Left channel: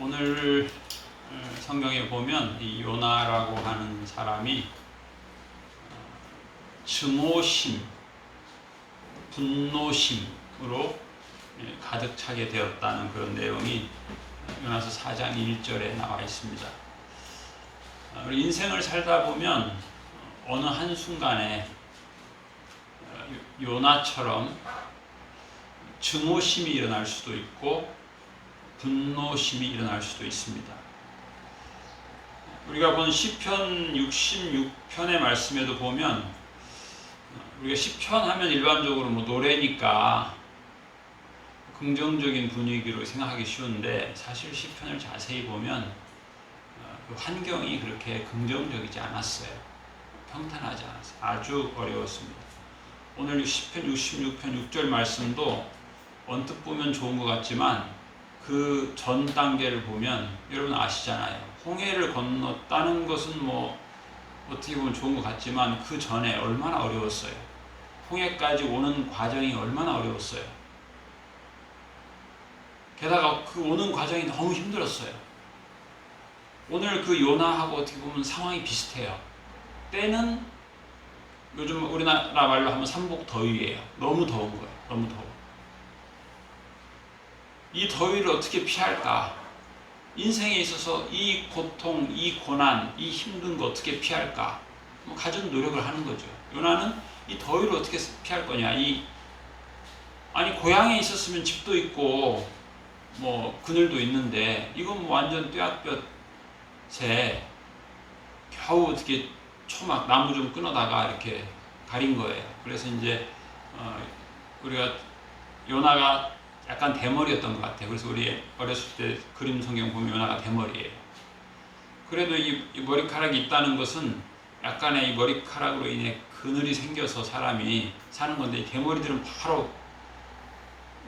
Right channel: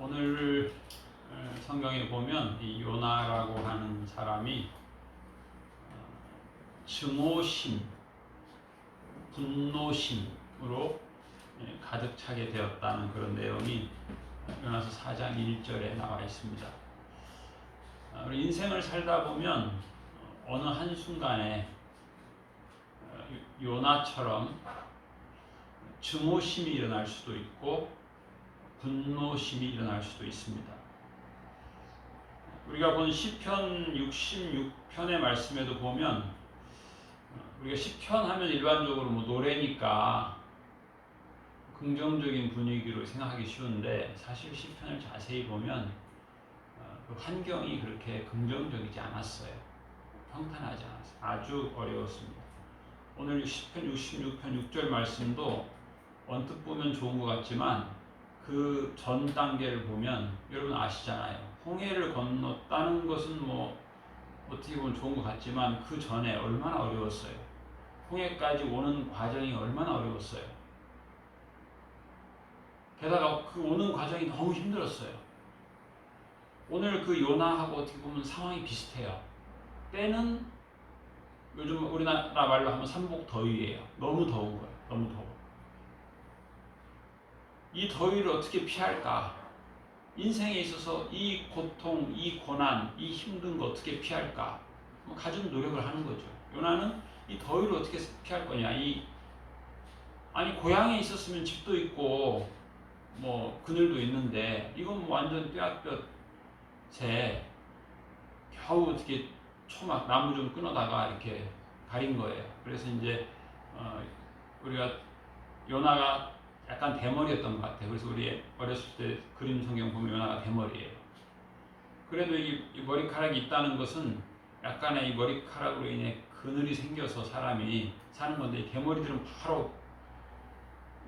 오늘 성경에 보면 이 요나라고 하는 사람이 증오심, 분노심으로 가득 차게 되었다는 그런 내용이 요나서 4장 1절에 나와 있습니다. 우리 인생을 살다 보면 어느 한순간에 요나처럼 증오심이 일어날 수도 있고 분노심이 일어날 수도 있습니다. 우리가 본 시편 66편의 말씀에도 보면 우리가 시편 하면 일반적으로 노래니까 긍정적인 분위기로 생각하기 쉬운데 사실 시편을 자세히 보면 그 환경이 그렇게 긍정적이지 않았어요. 평탄하지 않았어요. 아주 어려웠습니다. 오늘 시편 66편 6절 말씀도 언뜻 보면 좋은 것 같지만 그 전 단계를 보면 여러분 아시잖아요. 홍해를 건넜다는 것은 어떻게 보면 좋은 것 같지만 그 전에 얼마나 어려웠어요. 홍해까지 오는 과정이 얼마나 어려웠어요. 게다가 그 오는 과정이 너무 힘들었어요. 오늘 그 요나하고 어떻게 보면 상황이 비슷해요. 때는 요즘 우리나라 말로 하면 삼복더위예요. 너무 더운 거예요. 너무 더워. 이 더위를 어떻게 피할까? 인생에 있어서 이 고통, 이 고난, 이 힘든 거 어떻게 피할까? 가진 노력을 하는 거죠. 요나는 이 더위를 어떻게 피할 거냐? 아니 고향에 있었으면 집도 있고 그늘도 있는데 이건 완전 뙤약볕에 겨우 어떻게 초막 나무 좀 끊어다가 이렇게 가린 거예요. 그래서 이제 우리가 요나가 약간 대머리였던 것 같아요. 그래서 우리 어렸을 때 그림 성경 보면 요나가 대머리예요. 그래도 이 머리카락이 있다는 것은 약간의 이 머리카락으로 인해 그늘이 생겨서 사람이 사는 건데, 이 대머리들은 바로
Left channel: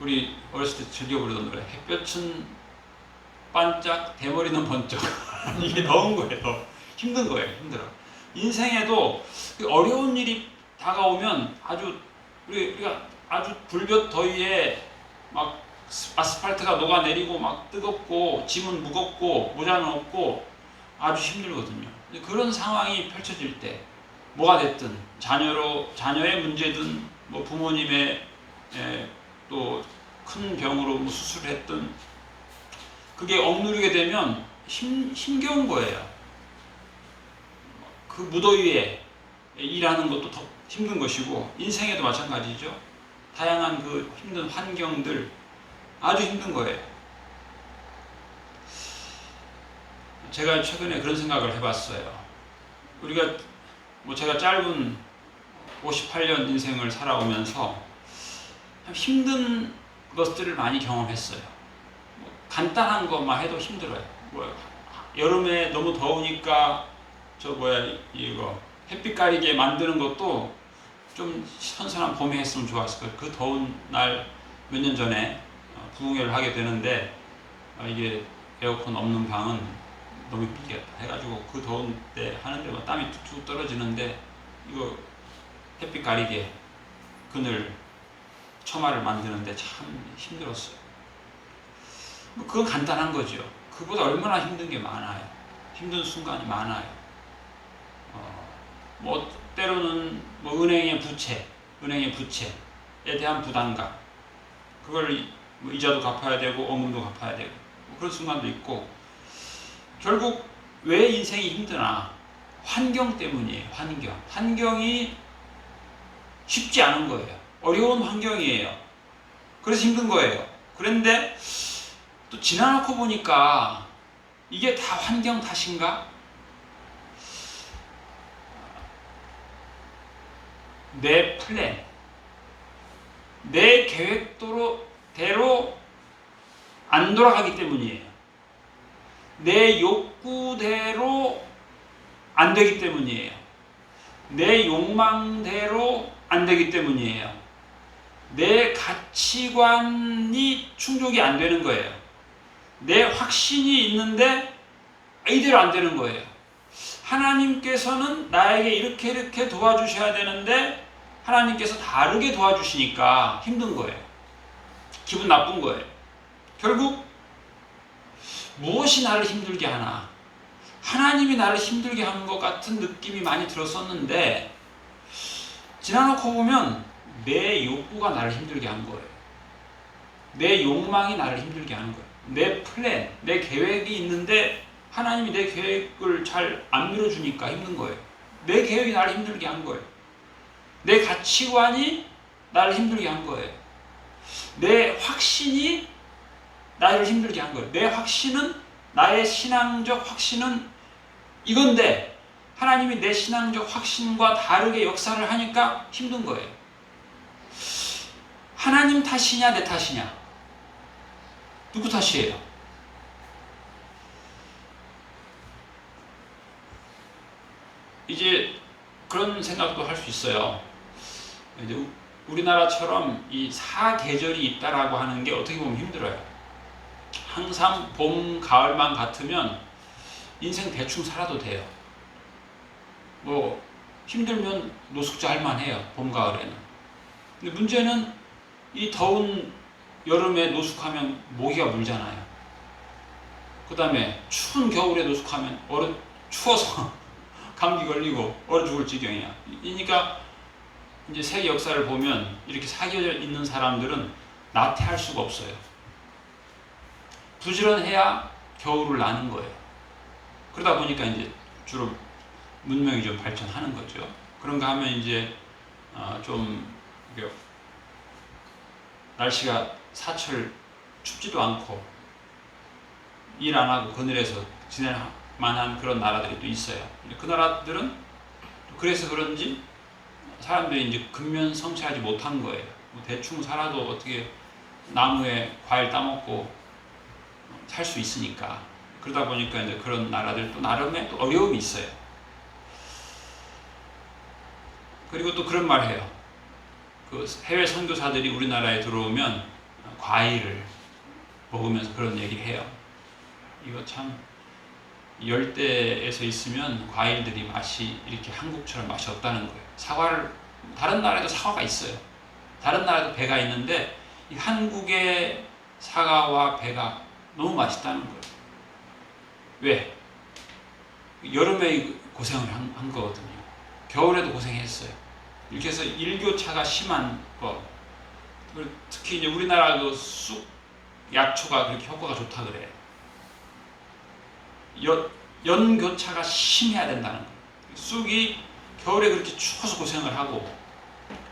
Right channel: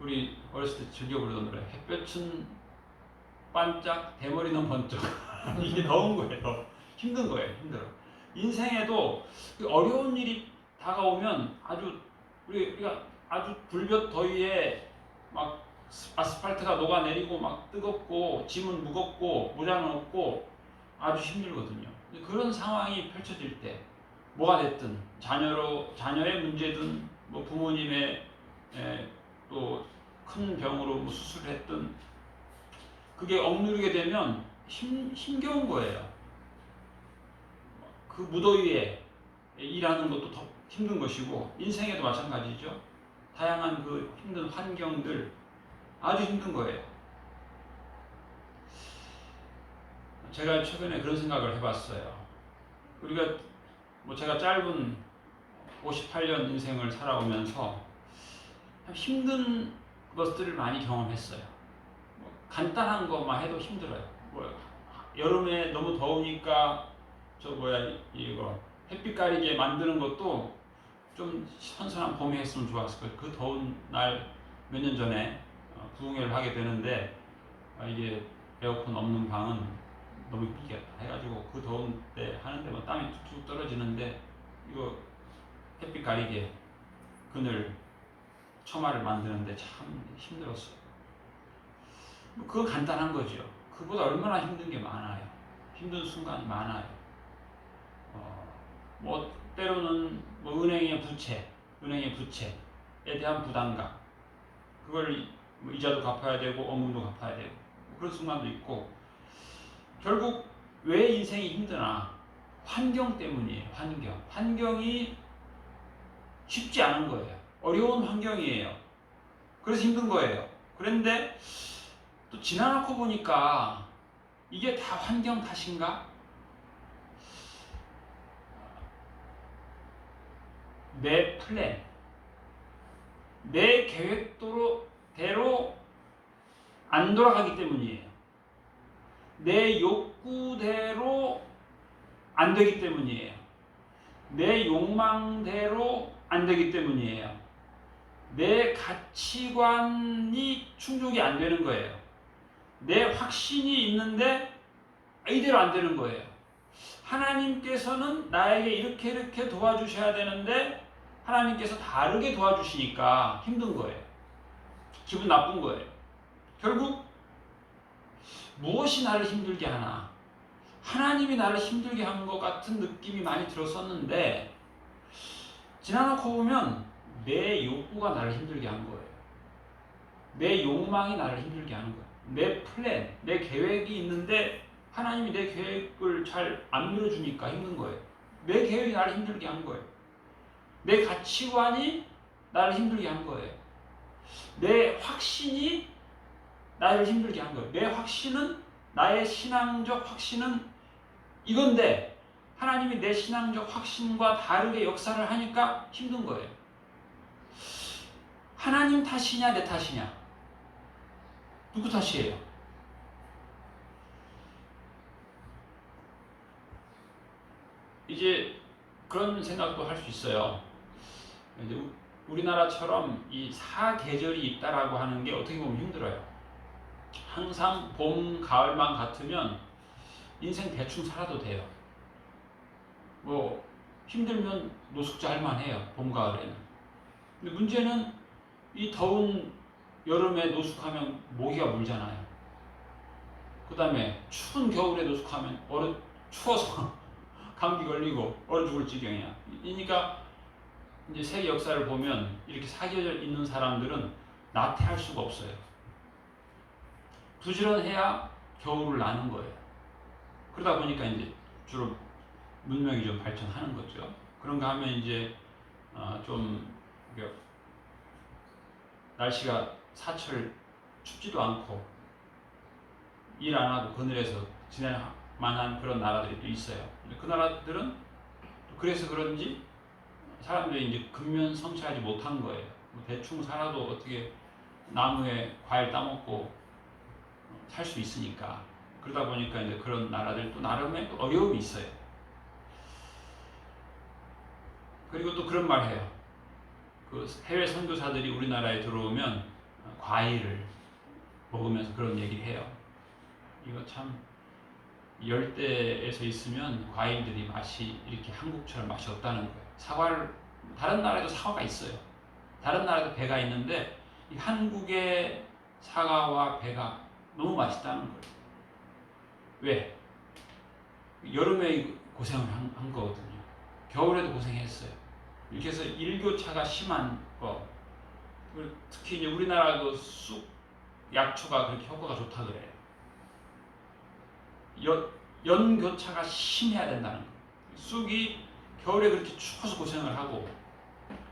우리 어렸을 때 즐겨 부르던 노래 햇볕은 반짝 대머리는 번쩍 이게 더운 거예요. 힘든 거예요. 힘들어. 인생에도 어려운 일이 다가오면 우리가 아주 불볕 더위에 막 아스팔트가 녹아내리고 막 뜨겁고 짐은 무겁고 모자는 없고 아주 힘들거든요. 그런 상황이 펼쳐질 때 뭐가 됐든 자녀의 문제든 부모님의 또 큰 병으로 수술을 했든 그게 억누르게 되면 힘겨운 거예요. 그 무더위에 일하는 것도 더 힘든 것이고 인생에도 마찬가지죠. 다양한 그 힘든 환경들 아주 힘든 거예요. 제가 최근에 그런 생각을 해봤어요. 우리가 제가 짧은 58년 인생을 살아오면서 참 힘든 것들을 많이 경험했어요. 간단한 것만 해도 힘들어요. 여름에 너무 더우니까 이거 햇빛 가리게 만드는 것도 좀 선선한 봄에 했으면 좋았을 거예요. 그 더운 날 몇 년 전에 부흥회를 하게 되는데 이게 에어컨 없는 방은 너무 힘들겠다 해가지고 그 더운 때 하는데 땀이 툭툭 떨어지는데 이거 햇빛 가리게 그늘 처마를 만드는데 참 힘들었어요. 그건 간단한 거죠. 그보다 얼마나 힘든 게 많아요. 힘든 순간이 많아요. 때로는 은행의 부채에 대한 부담감, 그걸 이자도 갚아야 되고 원금도 갚아야 되고 그런 순간도 있고, 결국 왜 인생이 힘드나? 환경 때문이에요. 환경이 쉽지 않은 거예요. 어려운 환경이에요. 그래서 힘든 거예요. 그런데 또 지나놓고 보니까 이게 다 환경 탓인가? 내 플랜, 내 계획대로 안 돌아가기 때문이에요. 내 욕구대로 안 되기 때문이에요. 내 욕망대로 안 되기 때문이에요. 내 가치관이 충족이 안 되는 거예요. 내 확신이 있는데 이대로 안 되는 거예요. 하나님께서는 나에게 이렇게 도와주셔야 되는데 하나님께서 다르게 도와주시니까 힘든 거예요. 기분 나쁜 거예요. 결국 무엇이 나를 힘들게 하나? 하나님이 나를 힘들게 하는 것 같은 느낌이 많이 들었었는데 지나놓고 보면 내 욕구가 나를 힘들게 한 거예요. 내 욕망이 나를 힘들게 하는 거예요. 내 플랜, 내 계획이 있는데 하나님이 내 계획을 잘 안 밀어주니까 힘든 거예요. 내 계획이 나를 힘들게 한 거예요. 내 가치관이 나를 힘들게 한 거예요. 내 확신이 나를 힘들게 한 거예요. 내 확신은, 나의 신앙적 확신은 이건데 하나님이 내 신앙적 확신과 다르게 역사를 하니까 힘든 거예요. 하나님 탓이냐 내 탓이냐? 누구 탓이에요? 이제 그런 생각도 할 수 있어요. 이제 우리나라처럼 이 사계절이 있다라고 하는 게 어떻게 보면 힘들어요. 항상 봄, 가을만 같으면 인생 대충 살아도 돼요. 뭐 힘들면 노숙자 할 만해요. 봄, 가을에는. 근데 문제는 이 더운 여름에 노숙하면 모기가 물잖아요. 그 다음에 추운 겨울에 노숙하면 추워서 감기 걸리고 얼어 죽을 지경이야. 그러니까 이제 세계 역사를 보면 이렇게 사계절 있는 사람들은 나태할 수가 없어요. 부지런해야 겨울을 나는 거예요. 그러다 보니까 이제 주로 문명이 좀 발전하는 거죠. 그런가 하면 이제 좀 날씨가 사철 춥지도 않고 일 안 하고 그늘에서 지낼 만한 그런 나라들이 또 있어요. 그 나라들은 그래서 그런지 사람들이 이제 근면 성취하지 못한 거예요. 대충 살아도 어떻게 나무에 과일 따먹고 살 수 있으니까. 그러다 보니까 이제 그런 나라들 또 나름의 또 어려움이 있어요. 그리고 또 그런 말 해요. 그 해외 선교사들이 우리나라에 들어오면 과일을 먹으면서 그런 얘기를 해요. 이거 참 열대에서 있으면 과일들이 맛이 이렇게 한국처럼 맛이 없다는 거예요. 사과를 다른 나라에도 사과가 있어요. 다른 나라에도 배가 있는데 이 한국의 사과와 배가 너무 맛있다는 거예요. 왜? 여름에 고생을 한 거거든요. 겨울에도 고생했어요. 이렇게 해서 일교차가 심한 거. 특히 이제 우리나라 그 쑥 약초가 그렇게 효과가 좋다 그래요. 연교차가 심해야 된다는 거예요. 쑥이 겨울에 그렇게 추워서 고생을 하고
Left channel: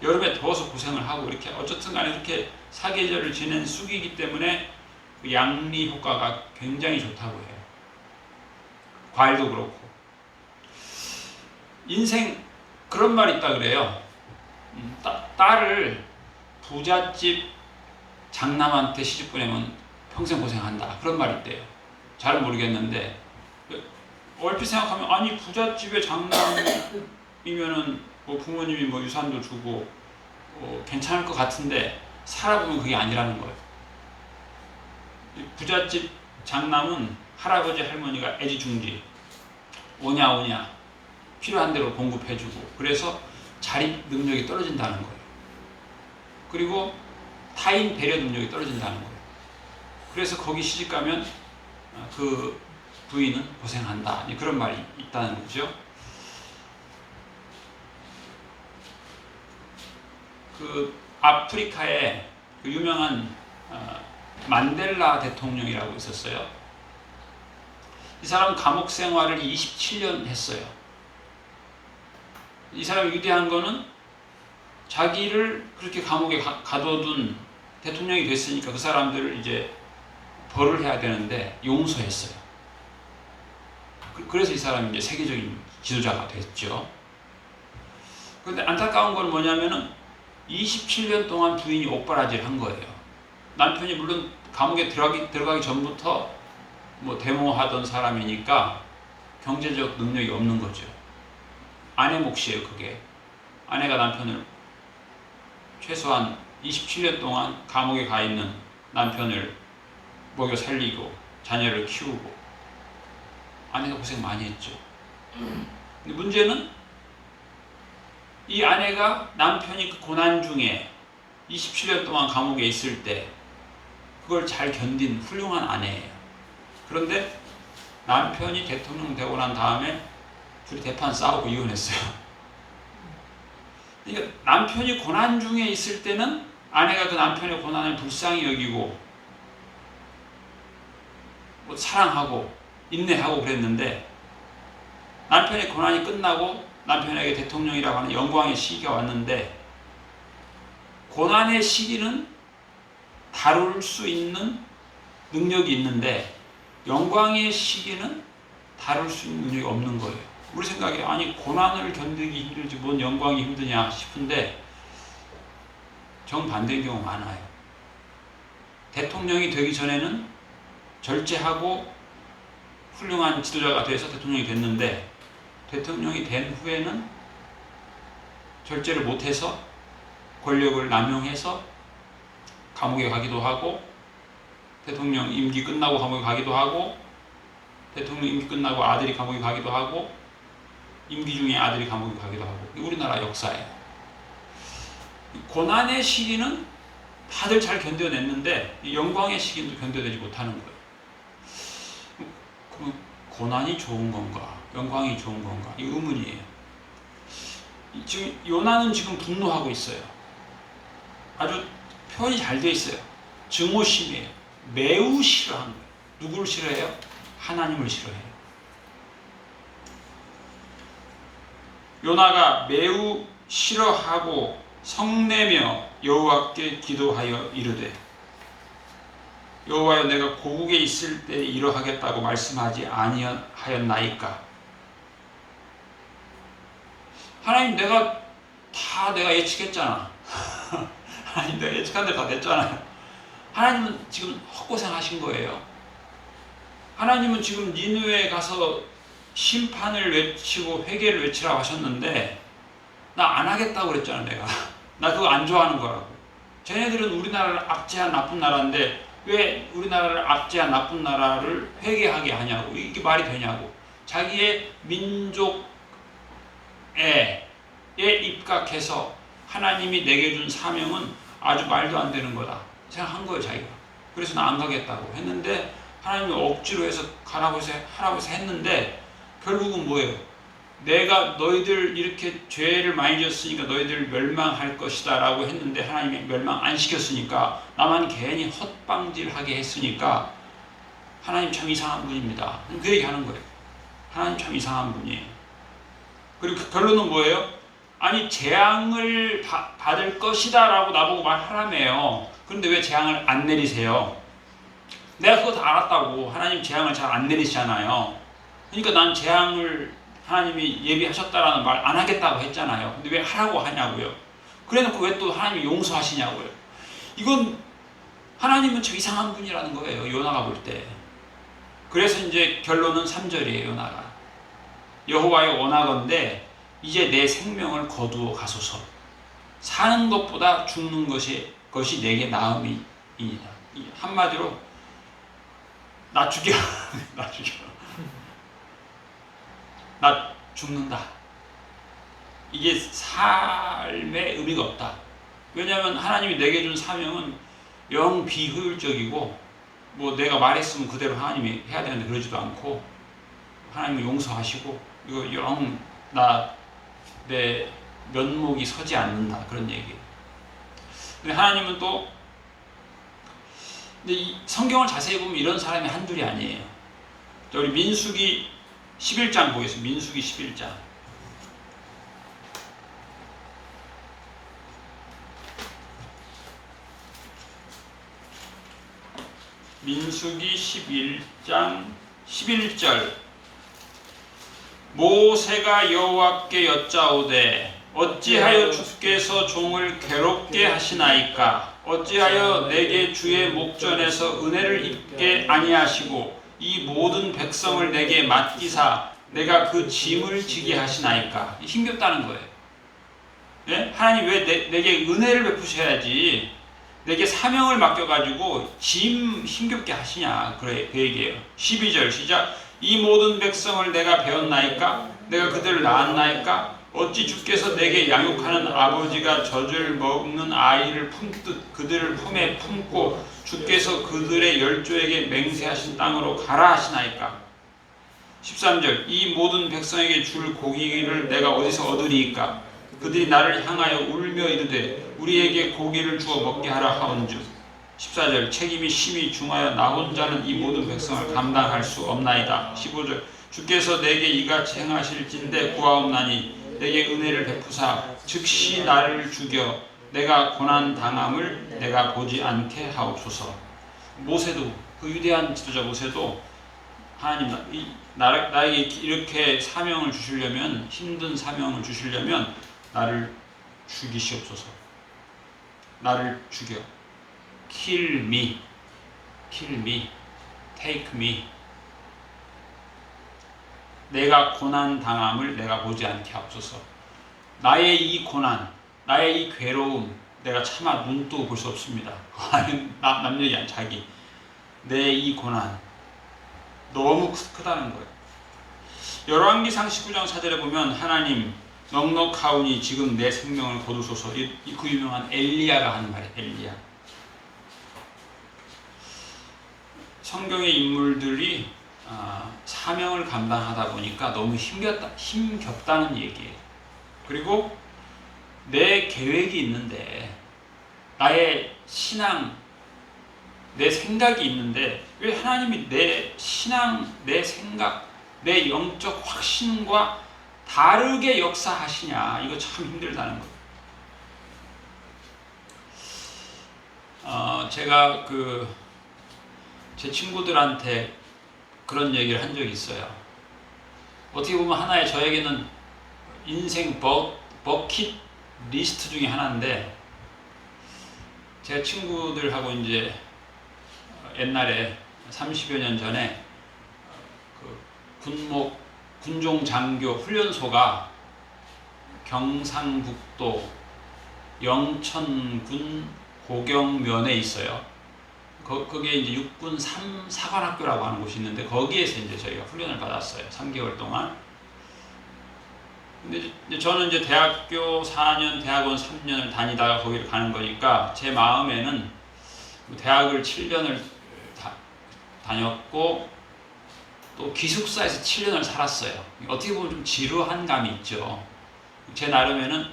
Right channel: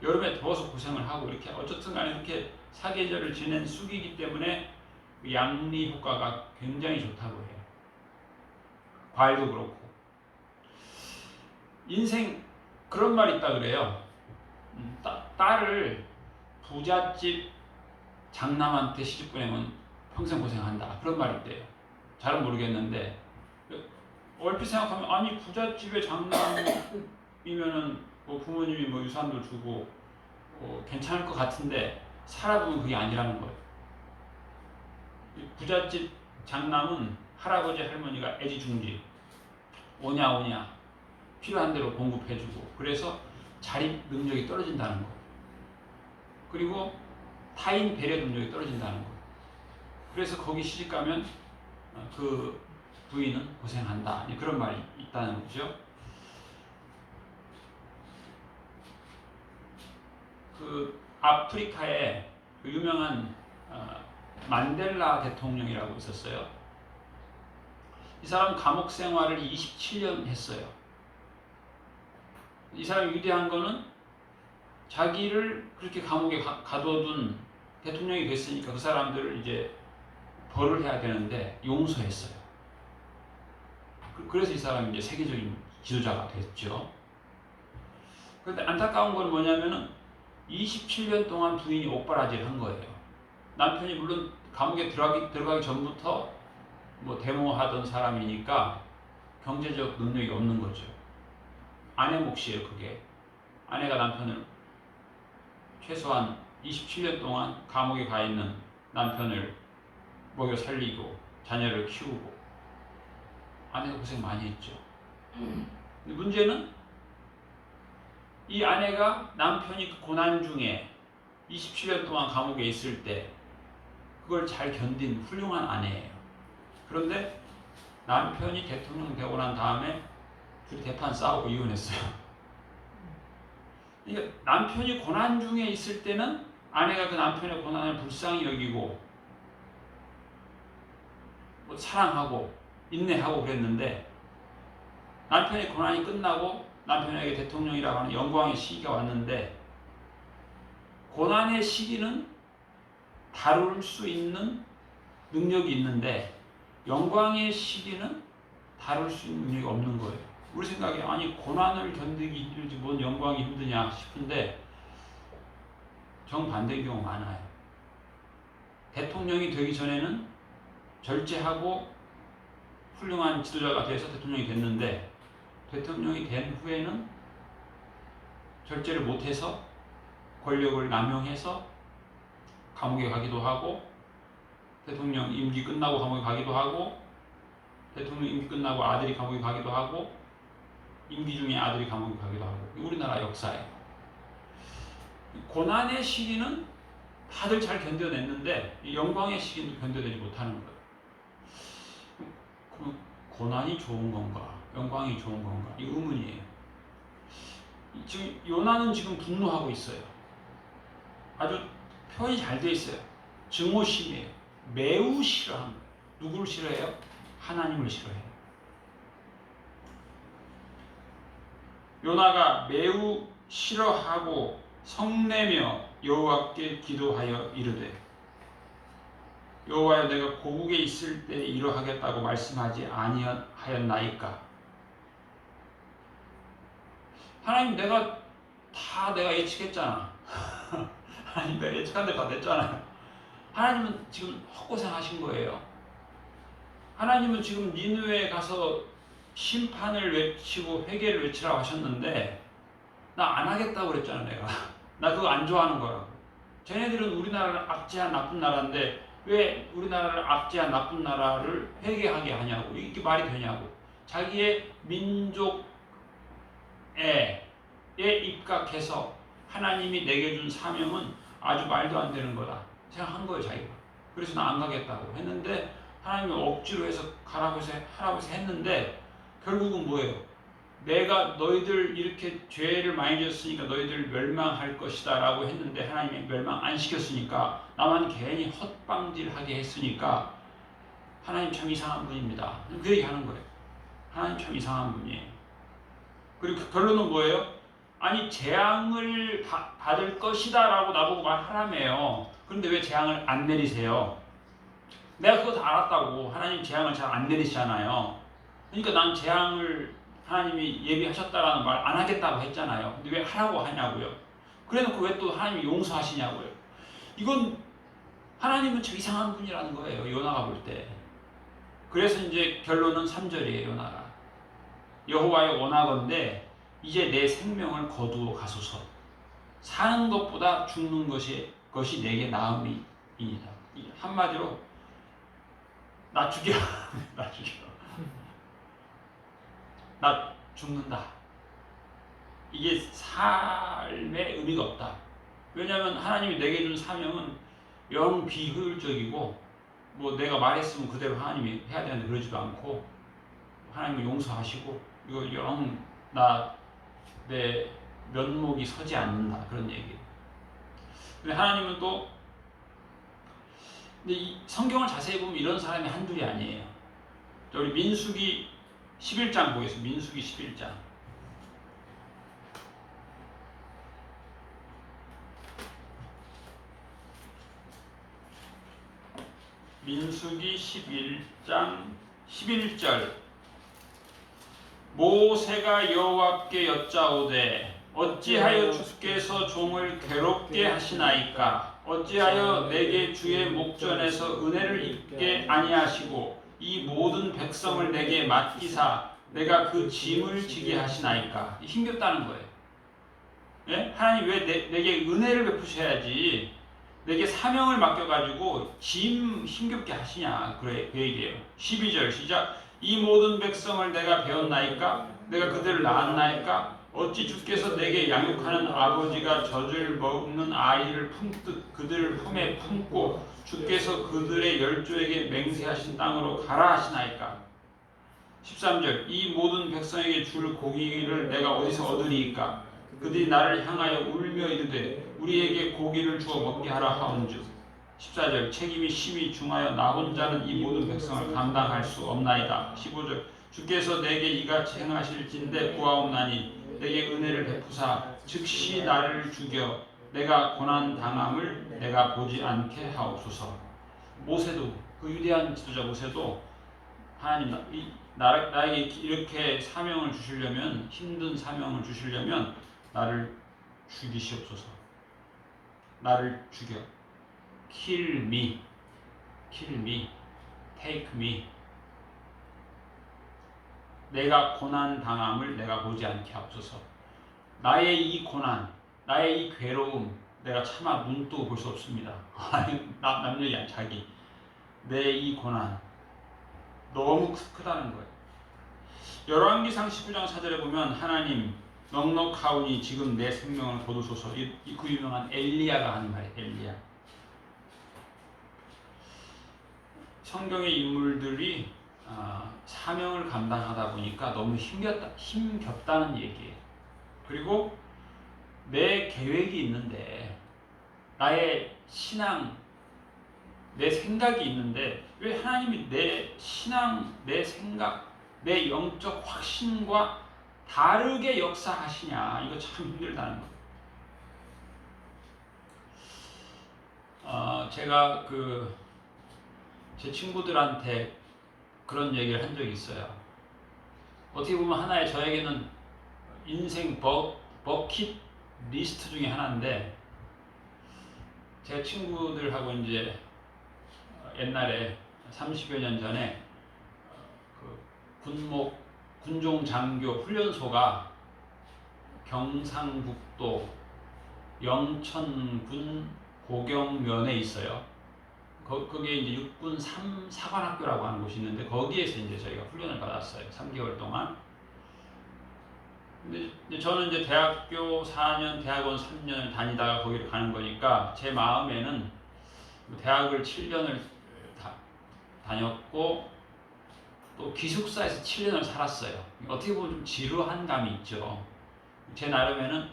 여름에 더워서 고생을 하고 이렇게 어쨌든 간에 이렇게 사계절을 지낸 쑥이기 때문에 그 양리 효과가 굉장히 좋다고 해요. 과일도 그렇고. 인생 그런 말이 있다 그래요. 딸을 부잣집 장남한테 시집 보내면 평생 고생한다. 그런 말이 있대요. 잘은 모르겠는데 얼핏 생각하면 아니 부잣집의 장남이면은 뭐 부모님이 뭐 유산도 주고 괜찮을 것 같은데 살아보면 그게 아니라는 거예요. 부잣집 장남은 할아버지 할머니가 애지중지 오냐 필요한 대로 공급해주고 그래서 자립 능력이 떨어진다는 거예요. 그리고 타인 배려 능력이 떨어진다는 거예요. 그래서 거기 시집가면 그 부인은 고생한다. 그런 말이 있다는 거죠. 그 아프리카에 그 유명한 만델라 대통령이라고 있었어요. 이 사람 감옥 생활을 27년 했어요. 이 사람이 위대한 거는 자기를 그렇게 감옥에 가둬둔 대통령이 됐으니까 그 사람들을 이제 벌을 해야 되는데 용서했어요. 그래서 이 사람이 이제 세계적인 지도자가 됐죠. 그런데 안타까운 건 뭐냐면은 27년 동안 부인이 옥바라지를 한 거예요. 남편이 물론 감옥에 들어가기 전부터 뭐 데모하던 사람이니까 경제적 능력이 없는 거죠. 아내 몫이에요, 그게. 아내가 남편을 최소한 27년 동안 감옥에 가 있는 남편을 먹여 살리고 자녀를 키우고 아내가 고생 많이 했죠. 근데 문제는 이 아내가 남편이 그 고난 중에 27년 동안 감옥에 있을 때 그걸 잘 견딘 훌륭한 아내예요. 그런데 남편이 대통령 되고 난 다음에 둘이 대판 싸우고 이혼했어요. 그러니까 남편이 고난 중에 있을 때는 아내가 그 남편의 고난을 불쌍히 여기고 뭐 사랑하고 인내하고 그랬는데, 남편의 고난이 끝나고 남편에게 대통령이라고 하는 영광의 시기가 왔는데, 고난의 시기는 다룰 수 있는 능력이 있는데 영광의 시기는 다룰 수 있는 능력이 없는 거예요. 우리 생각에 아니 고난을 견디기 힘들지 뭔 영광이 힘드냐 싶은데 정반대의 경우 많아요. 대통령이 되기 전에는 절제하고 훌륭한 지도자가 돼서 대통령이 됐는데, 대통령이 된 후에는 절제를 못해서 권력을 남용해서 감옥에 가기도 하고, 대통령 임기 끝나고 감옥에 가기도 하고, 대통령 임기 끝나고 아들이 감옥에 가기도 하고, 임기 중에 아들이 감옥에 가기도 하고. 우리나라 역사예요. 고난의 시기는 다들 잘 견뎌냈는데 영광의 시기는 견뎌내지 못하는 거예요. 그럼 고난이 좋은 건가? 영광이 좋은 건가? 이 의문이에요. 지금 요나는 지금 분노하고 있어요. 아주 표현이 잘 돼 있어요. 증오심이에요. 매우 싫어하는 거예요. 누구를 싫어해요? 하나님을 싫어해요. 요나가 매우 싫어하고 성내며 여호와께 기도하여 이르되, 여호와여 내가 고국에 있을 때 이러하겠다고 말씀하지 아니하였나이까. 하나님 내가 예측했잖아. 하나님 내가 예측한 대로 다 됐잖아요. 하나님은 지금 헛고생 하신 거예요. 하나님은 지금 니느웨에 가서 심판을 외치고 회개를 외치라고 하셨는데 나 안 하겠다고 그랬잖아. 내가 나 그거 안 좋아하는 거라고. 쟤네들은 우리나라를 압제한 나쁜 나라인데 왜 우리나라를 압제한 나쁜 나라를 회개하게 하냐고. 이게 말이 되냐고. 자기의 민족에 입각해서 하나님이 내게 준 사명은 아주 말도 안 되는 거다 생각한 거예요, 자기가. 그래서 나 안 가겠다고 했는데 하나님이 억지로 해서 가라고 해서 하라고 해서 했는데 결국은 뭐예요? 내가 너희들 이렇게 죄를 많이 졌으니까 너희들 멸망할 것이다 라고 했는데 하나님이 멸망 안 시켰으니까 나만 괜히 헛방질하게 했으니까 하나님 참 이상한 분입니다. 그 얘기 하는 거예요. 하나님 참 이상한 분이에요. 그리고 그 결론은 뭐예요? 아니 재앙을 받을 것이다 라고 나보고 말하라며요. 그런데 왜 재앙을 안 내리세요? 내가 그거 다 알았다고. 하나님 재앙을 잘 안 내리시잖아요. 그러니까 난 재앙을 하나님이 예비하셨다라는 말 안 하겠다고 했잖아요. 근데 왜 하라고 하냐고요. 그래놓고 왜 또 하나님이 용서하시냐고요. 이건 하나님은 참 이상한 분이라는 거예요. 요나가 볼 때. 그래서 이제 결론은 3절이에요. 요나가. 여호와의 원하건대 이제 내 생명을 거두어 가소서. 사는 것보다 죽는 것이 내게 나음이니이다. 한마디로 나 죽여. 나 죽여. 나 죽는다. 이게 삶의 의미가 없다. 왜냐하면 하나님이 내게 준 사명은 영 비효율적이고 뭐 내가 말했으면 그대로 하나님이 해야 되는데 그러지도 않고 하나님이 용서하시고 이거 영 내 면목이 서지 않는다 그런 얘기예요. 근데 하나님은 또 근데 이 성경을 자세히 보면 이런 사람이 한둘이 아니에요. 우리 민수기 11장 보겠습니다. 민수기 11장. 민수기 11장 11절. 모세가 여호와께 여짜오되 어찌하여 주께서 종을 괴롭게 하시나이까? 어찌하여 내게 주의 목전에서 은혜를 입게 아니하시고 이 모든 백성을 내게 맡기사 내가 그 짐을 지게 하시나이까? 힘겹다는 거예요. 예? 하나님 왜 내게 은혜를 베푸셔야지 내게 사명을 맡겨가지고 짐 힘겹게 하시냐. 그래, 그 얘기예요. 12절 시작. 이 모든 백성을 내가 배웠나이까? 내가 그들을 낳았나이까? 어찌 주께서 내게 양육하는 아버지가 젖을 먹는 아이를 품듯 그들을 품에 품고 주께서 그들의 열조에게 맹세하신 땅으로 가라 하시나이까. 13절 이 모든 백성에게 줄 고기를 내가 어디서 얻으리이까. 그들이 나를 향하여 울며 이르되 우리에게 고기를 주어 먹게 하라 하온즉. 14절 책임이 심히 중하여 나 혼자는 이 모든 백성을 감당할 수 없나이다. 15절 주께서 내게 이같이 행하실진대 구하옵나니 내게 은혜를 베푸사 즉시 나를 죽여 내가 고난 당함을 내가 보지 않게 하옵소서. 모세도 그 위대한 지도자 모세도 하나님 나에게 이렇게 사명을 주시려면 힘든 사명을 주시려면 나를 죽이시옵소서. 나를 죽여. Kill me, take me. 내가 고난 당함을 내가 보지 않게 하옵소서. 나의 이 고난, 나의 이 괴로움, 내가 차마 눈도 볼 수 없습니다. 남 얘기 아니야, 자기. 내 이 고난 너무 크다는 거예요. 열왕기상 19장 4절에 보면 하나님 넉넉하오니 지금 내 생명을 거두소서. 그 유명한 엘리야가 하는 말이에요. 엘리야. 성경의 인물들이 사명을 감당하다 보니까 너무 힘겹다는 얘기예요. 그리고 내 계획이 있는데 나의 신앙, 내 생각이 있는데 왜 하나님이 내 신앙, 내 생각, 내 영적 확신과 다르게 역사하시냐. 이거 참 힘들다는 거예요. 제가 제 친구들한테 그런 얘기를 한 적이 있어요. 어떻게 보면 하나의 저에게는 인생 버킷 리스트 중에 하나인데, 제 친구들하고 이제 옛날에 30여 년 전에 군종 장교 훈련소가 경상북도 영천군 고경면에 있어요. 거기에 이제 육군 3사관학교라고 하는 곳이 있는데 거기에서 이제 저희가 훈련을 받았어요. 3개월 동안. 근데 이제 저는 이제 대학교 4년, 대학원 3년을 다니다가 거기를 가는 거니까 제 마음에는 대학을 7년을 다녔고 또 기숙사에서 7년을 살았어요. 어떻게 보면 좀 지루한 감이 있죠. 제 나름에는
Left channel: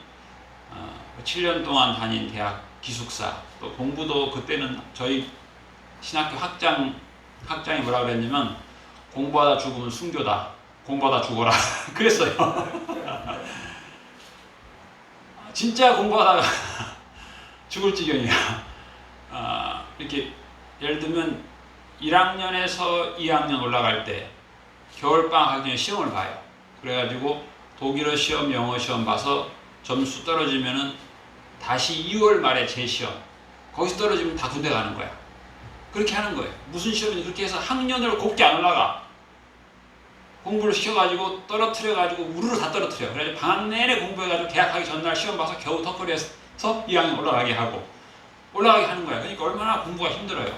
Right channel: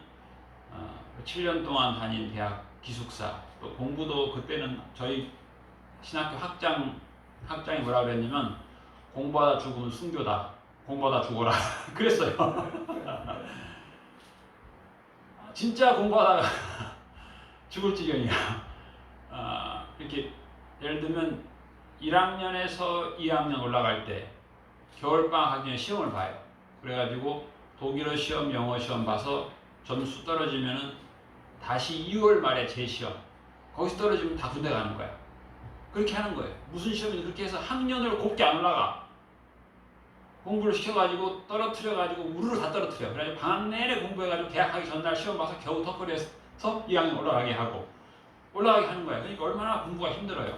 7년 동안 다닌 대학 기숙사, 또 공부도 그때는 저희 신학교 학장이 뭐라 그랬냐면 공부하다 죽으면 순교다. 공부하다 죽어라. 그랬어요. 진짜 공부하다가 죽을 지경이야. 이렇게 예를 들면 1학년에서 2학년 올라갈 때 겨울방학 학년에 시험을 봐요. 그래가지고 독일어 시험, 영어 시험 봐서 점수 떨어지면은 다시 2월 말에 재시험. 거기서 떨어지면 다 군대 가는 거야. 그렇게 하는 거예요. 무슨 시험이냐. 그렇게 해서 학년으로 곱게 안 올라가. 공부를 시켜가지고 떨어뜨려가지고 우르르 다 떨어뜨려. 그래서 방학 내내 공부해가지고 개학하기 전날 시험 봐서 겨우 턱걸이에서 2학년 올라가게 하고 올라가게 하는 거야. 그러니까 얼마나 공부가 힘들어요.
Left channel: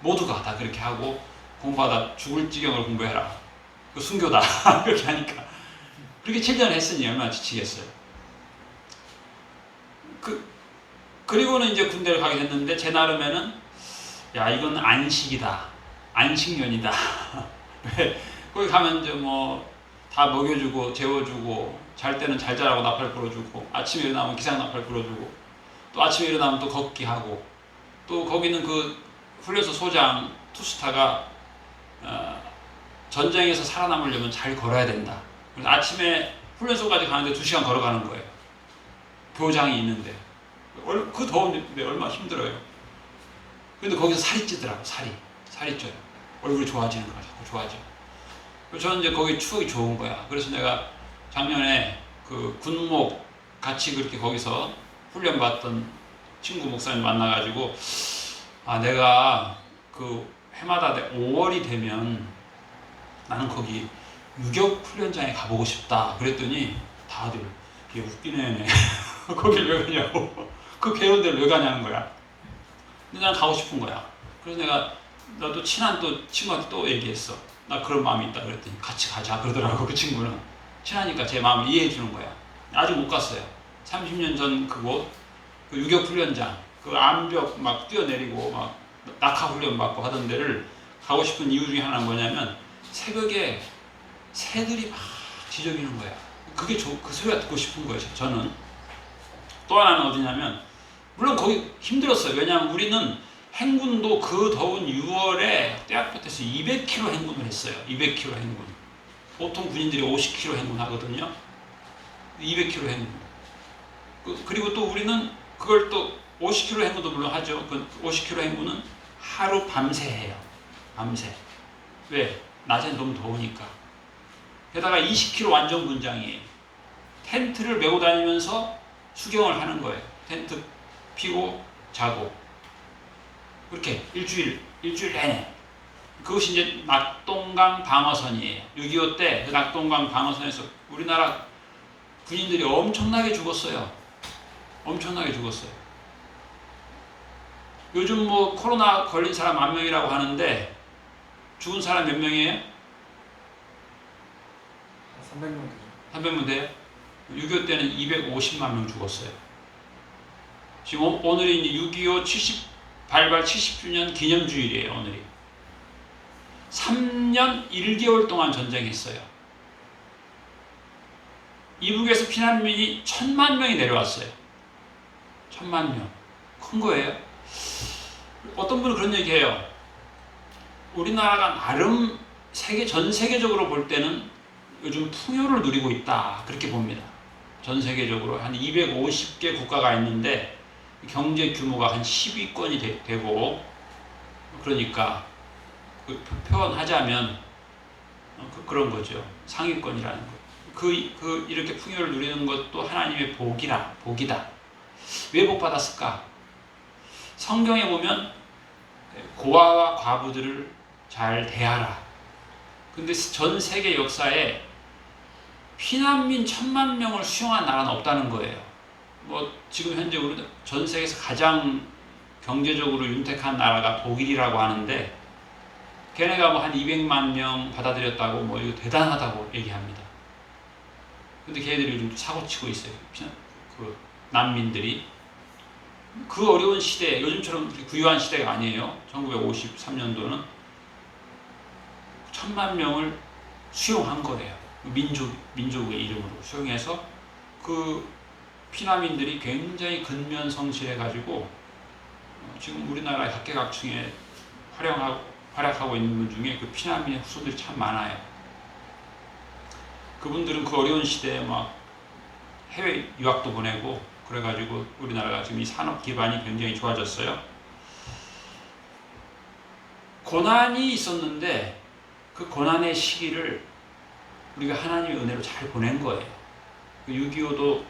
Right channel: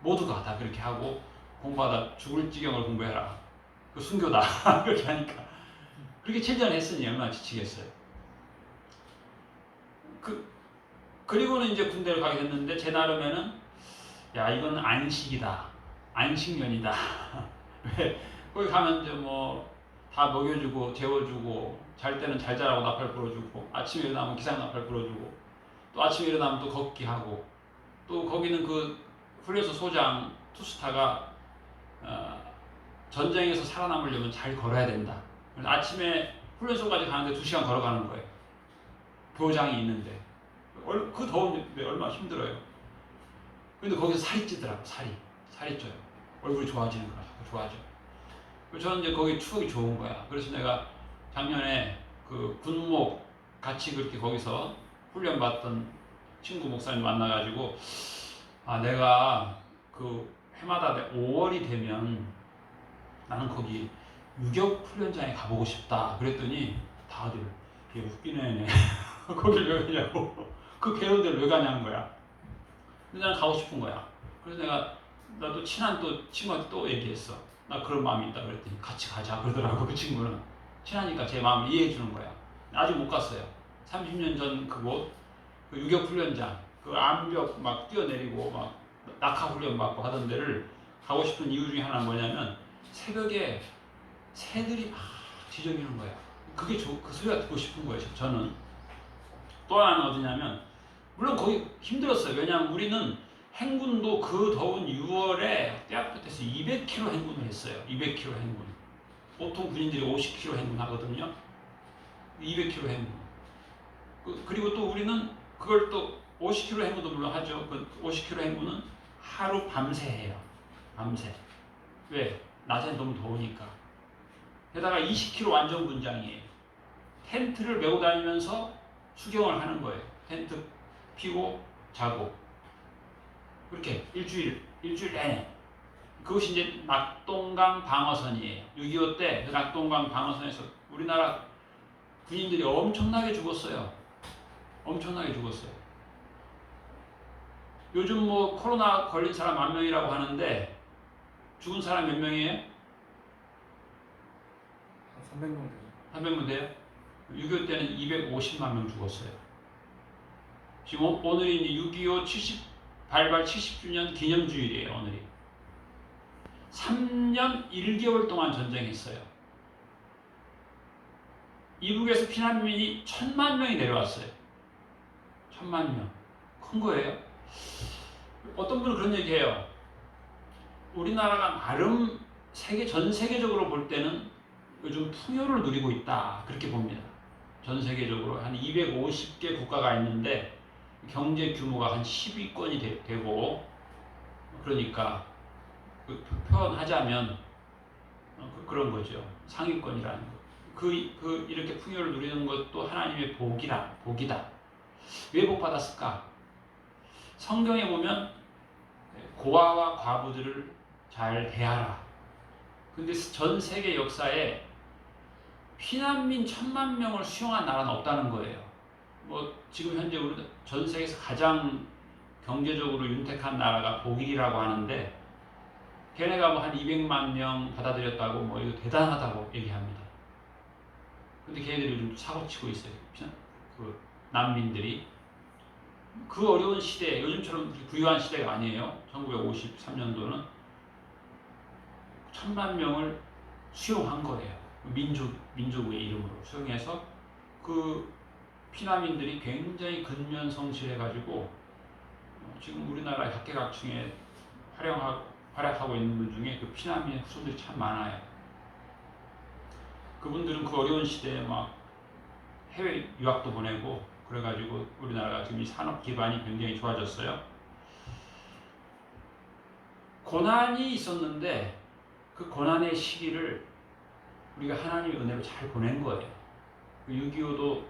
모두가 다 그렇게 하고 공부하다 죽을 지경을 공부해라. 그 순교다. 그렇게 하니까. 그렇게 7년 했으니 얼마나 지치겠어요. 그리고는 이제 군대를 가게 됐는데 제 나름에는 야, 이건 안식이다. 안식년이다. 거기 가면 이제 다 먹여주고 재워주고 잘 때는 잘 자라고 나팔 불어주고 아침에 일어나면 기상 나팔 불어주고 또 아침에 일어나면 또 걷기 하고 또 거기는 그 훈련소 소장 투스타가 전쟁에서 살아남으려면 잘 걸어야 된다. 그래서 아침에 훈련소까지 가는데 2시간 걸어가는 거예요. 교장이 있는데 그 더운데 얼마나 힘들어요. 근데 거기서 살이 찌더라고. 살이 쪄요. 얼굴이 좋아지는 거야. 자꾸 좋아져. 저는 이제 거기 추억이 좋은 거야. 그래서 내가 작년에 그 군목 같이 그렇게 거기서 훈련받던 친구 목사님 만나가지고 내가 그 해마다 5월이 되면 나는 거기 유격 훈련장에 가보고 싶다. 그랬더니 다들 얘 웃기네. 거길 왜 가냐고. 그 괴로운 데를 왜 가냐는 거야. 근데 난 가고 싶은 거야. 그래서 나도 친한 또 친구한테 또 얘기했어. 나 그런 마음이 있다 그랬더니 같이 가자 그러더라고. 그 친구는 친하니까 제 마음을 이해해 주는 거야. 아직 못 갔어요. 30년 전 그곳 그 유격 훈련장 그 암벽 막 뛰어내리고 막 낙하 훈련 받고 하던 데를 가고 싶은 이유 중에 하나는 뭐냐면 새벽에 새들이 막 지저귀는 거야. 그게 그 소리가 듣고 싶은 거예요. 저는. 또 하나는 어디냐면 물론 거기 힘들었어요. 왜냐하면 우리는 행군도 그 더운 6월에 떼약볕에서 200km 행군을 했어요. 200km 행군. 보통 군인들이 50km 행군하거든요. 200km 행군. 그리고 또 우리는 그걸 또 50km 행군도 물론 하죠. 그 50km 행군은 하루 밤새 해요. 밤새. 왜? 낮엔 너무 더우니까. 게다가 20km 완전 군장이에요. 텐트를 메고 다니면서 수경을 하는 거예요. 텐트 피고 자고. 그렇게 일주일 내내. 그것이 이제 낙동강 방어선이에요. 6.25 때 그 낙동강 방어선에서 우리나라 군인들이 엄청나게 죽었어요. 엄청나게 죽었어요. 요즘 뭐 코로나 걸린 사람 10,000명이라고 하는데 죽은 사람 몇 명이에요? 300명 되죠. 300명 돼요? 6.25 때는 250만 명 죽었어요. 지금 오늘이 이제 6.25 발발 70주년 기념주일이에요. 오늘이. 3년 1개월 동안 전쟁했어요. 이북에서 피난민이 1,000만 명이 내려왔어요. 1,000만 명. 큰 거예요. 어떤 분은 그런 얘기해요. 우리나라가 나름 전 세계적으로 볼 때는 요즘 풍요를 누리고 있다. 그렇게 봅니다. 전 세계적으로 한 250개 국가가 있는데 경제 규모가 한 10위권이 되고 그러니까 표현하자면 그런 거죠. 상위권이라는 거. 이렇게 풍요를 누리는 것도 하나님의 복이다. 왜 복 받았을까? 성경에 보면 고아와 과부들을 잘 대하라. 근데 전 세계 역사에 피난민 1,000만 명을 수용한 나라는 없다는 거예요. 뭐 지금 현재 우리 전 세계에서 가장 경제적으로 윤택한 나라가 독일이라고 하는데 걔네가 뭐 한 200만 명 받아들였다고 뭐 이거 대단하다고 얘기합니다. 근데 걔네들이 요즘 사고치고 있어요. 그 난민들이. 그 어려운 시대에 요즘처럼 부유한 시대가 아니에요. 1953년도는 1,000만 명을 수용한 거예요. 민족의 이름으로 수용해서 그 피난민들이 굉장히 근면성실해가지고 지금 우리나라 각계각층에 활약하고 있는 분 중에 그 피난민의 후손들이 참 많아요. 그분들은 그 어려운 시대에 막 해외 유학도 보내고 그래가지고 우리나라가 지금 이 산업 기반이 굉장히 좋아졌어요. 고난이 있었는데 그 고난의 시기를 우리가 하나님의 은혜로 잘 보낸 거예요. 6.25도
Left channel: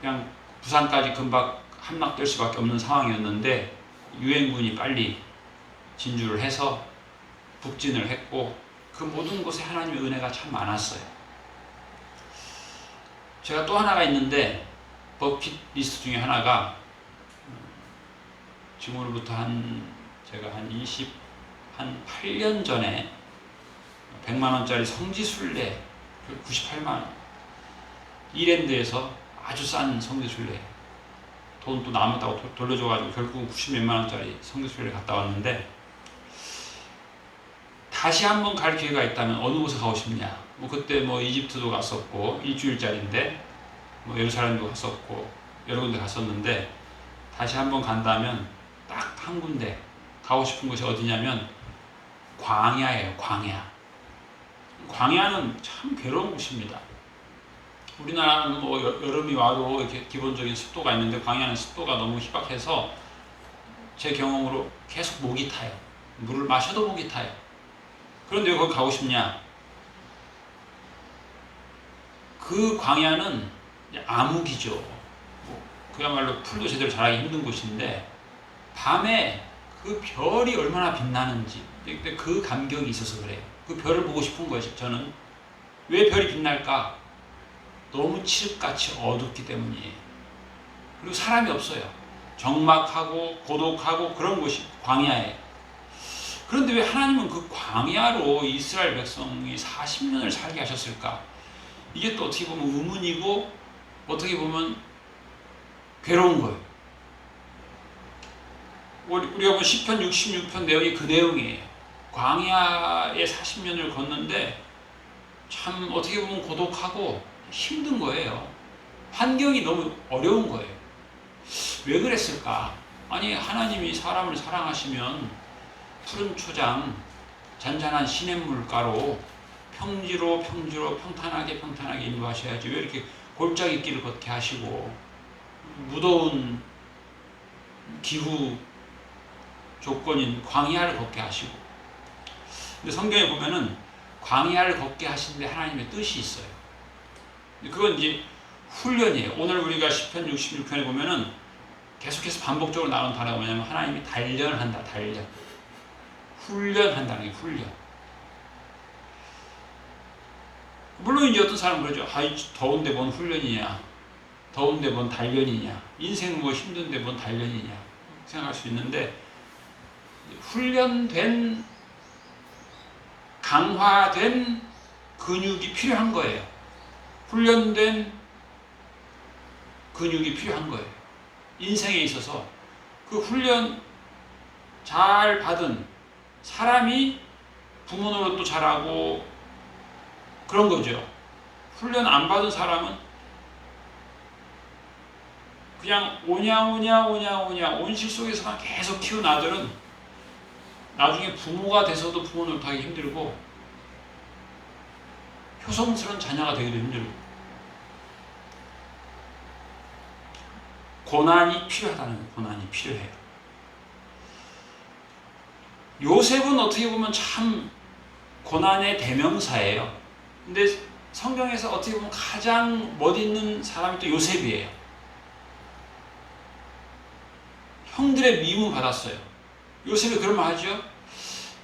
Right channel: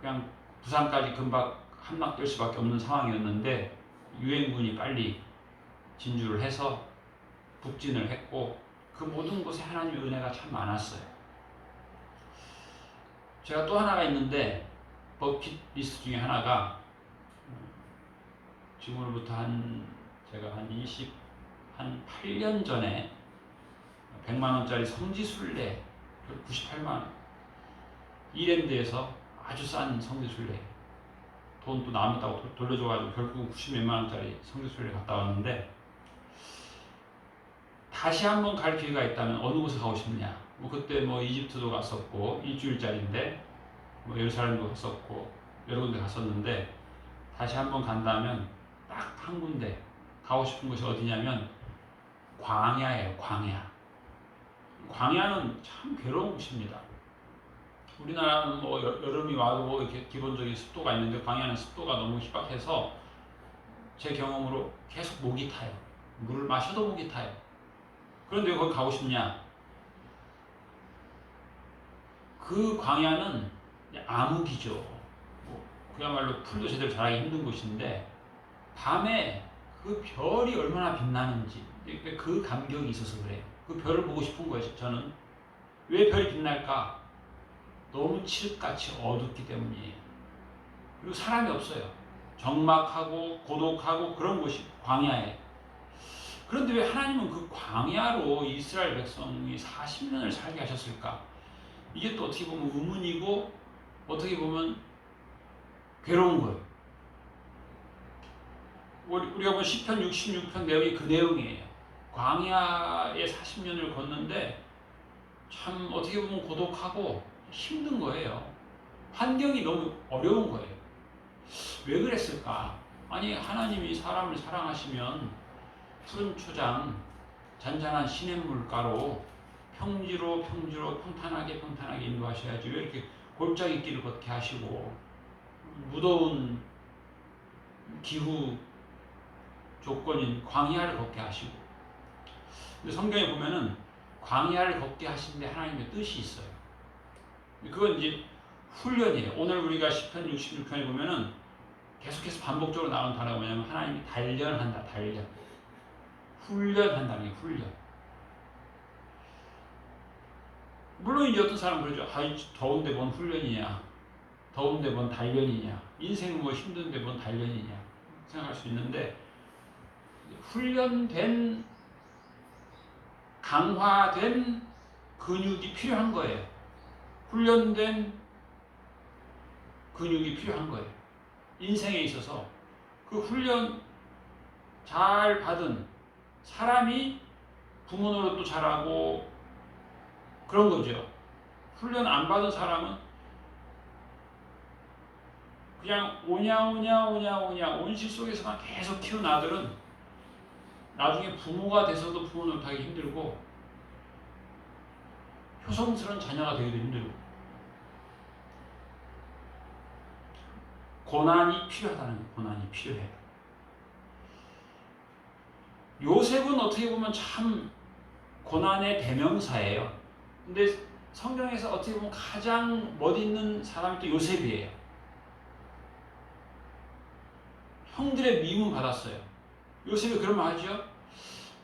그냥 부산까지 금방 함락될 수밖에 없는 상황이었는데 유엔군이 빨리 진주를 해서 북진을 했고 그 모든 곳에 하나님의 은혜가 참 많았어요. 제가 또 하나가 있는데 버킷리스트 중에 하나가 지금으로부터 제가 한 8년 전에 100만 원짜리 성지순례 98만 원 이랜드에서 아주 싼 성지순례 돈 또 남았다고 돌려줘가지고 결국은 90몇만 원짜리 성지순례 갔다 왔는데 다시 한번 갈 기회가 있다면 어느 곳에 가고 싶냐? 뭐 그때 뭐 이집트도 갔었고 일주일짜리인데 뭐 예루살렘도 갔었고 여러 군데 갔었는데 다시 한번 간다면 딱 한 군데 가고 싶은 곳이 어디냐면 광야예요. 광야는 참 괴로운 곳입니다. 우리나라는 뭐 여름이 와도 이렇게 기본적인 습도가 있는데 광야는 습도가 너무 희박해서 제 경험으로 계속 목이 타요. 물을 마셔도 목이 타요. 그런데 왜 거기 가고 싶냐? 그 광야는 암흑이죠. 그야말로 풀도 제대로 자라기 힘든 곳인데 밤에 그 별이 얼마나 빛나는지 그 감격이 있어서 그래요. 그 별을 보고 싶은 거예요. 저는 왜 별이 빛날까? 너무 칠흑같이 어둡기 때문이에요. 그리고 사람이 없어요. 적막하고 고독하고 그런 곳이 광야예요. 그런데 왜 하나님은 그 광야로 이스라엘 백성이 40년을 살게 하셨을까? 이게 또 어떻게 보면 의문이고 어떻게 보면 괴로운 거예요. 우리가 본 시편 66편 내용이 그 내용이에요. 광야에 40년을 걷는데 참 어떻게 보면 고독하고 힘든 거예요. 환경이 너무 어려운 거예요. 왜 그랬을까? 아니, 하나님이 사람을 사랑하시면 푸른 초장, 잔잔한 시냇물가로 평지로 평탄하게 인도하셔야지. 왜 이렇게 골짜기 길을 걷게 하시고 무더운 기후 조건인 광야를 걷게 하시고. 근데 성경에 보면은 광야를 걷게 하시는데 하나님의 뜻이 있어요. 그건 이제 훈련이에요. 오늘 우리가 시편 66편에 보면은 계속해서 반복적으로 나오는 단어가 뭐냐면 하나님이 단련한다. 단련. 훈련한다는 게 훈련. 물론 이제 어떤 사람은 그러죠. 아이, 더운데 뭔 훈련이냐. 더운데 뭔 단련이냐. 인생 뭐 힘든데 뭔 단련이냐. 생각할 수 있는데 훈련된 강화된 근육이 필요한 거예요. 훈련된 근육이 필요한 거예요. 인생에 있어서 그 훈련 잘 받은 사람이 부모 노릇도 잘하고 그런 거죠. 훈련 안 받은 사람은 그냥 오냐 온실 속에서만 계속 키운 아들은 나중에 부모가 돼서도 부모 노릇하기 힘들고 효성스러운 자녀가 되기도 힘들고 고난이 필요하다는 거예요. 고난이 필요해요. 요셉은 어떻게 보면 참 고난의 대명사예요. 근데 성경에서 어떻게 보면 가장 멋있는 사람이 또 요셉이에요. 형들의 미움을 받았어요. 요셉이 그런 말 하죠.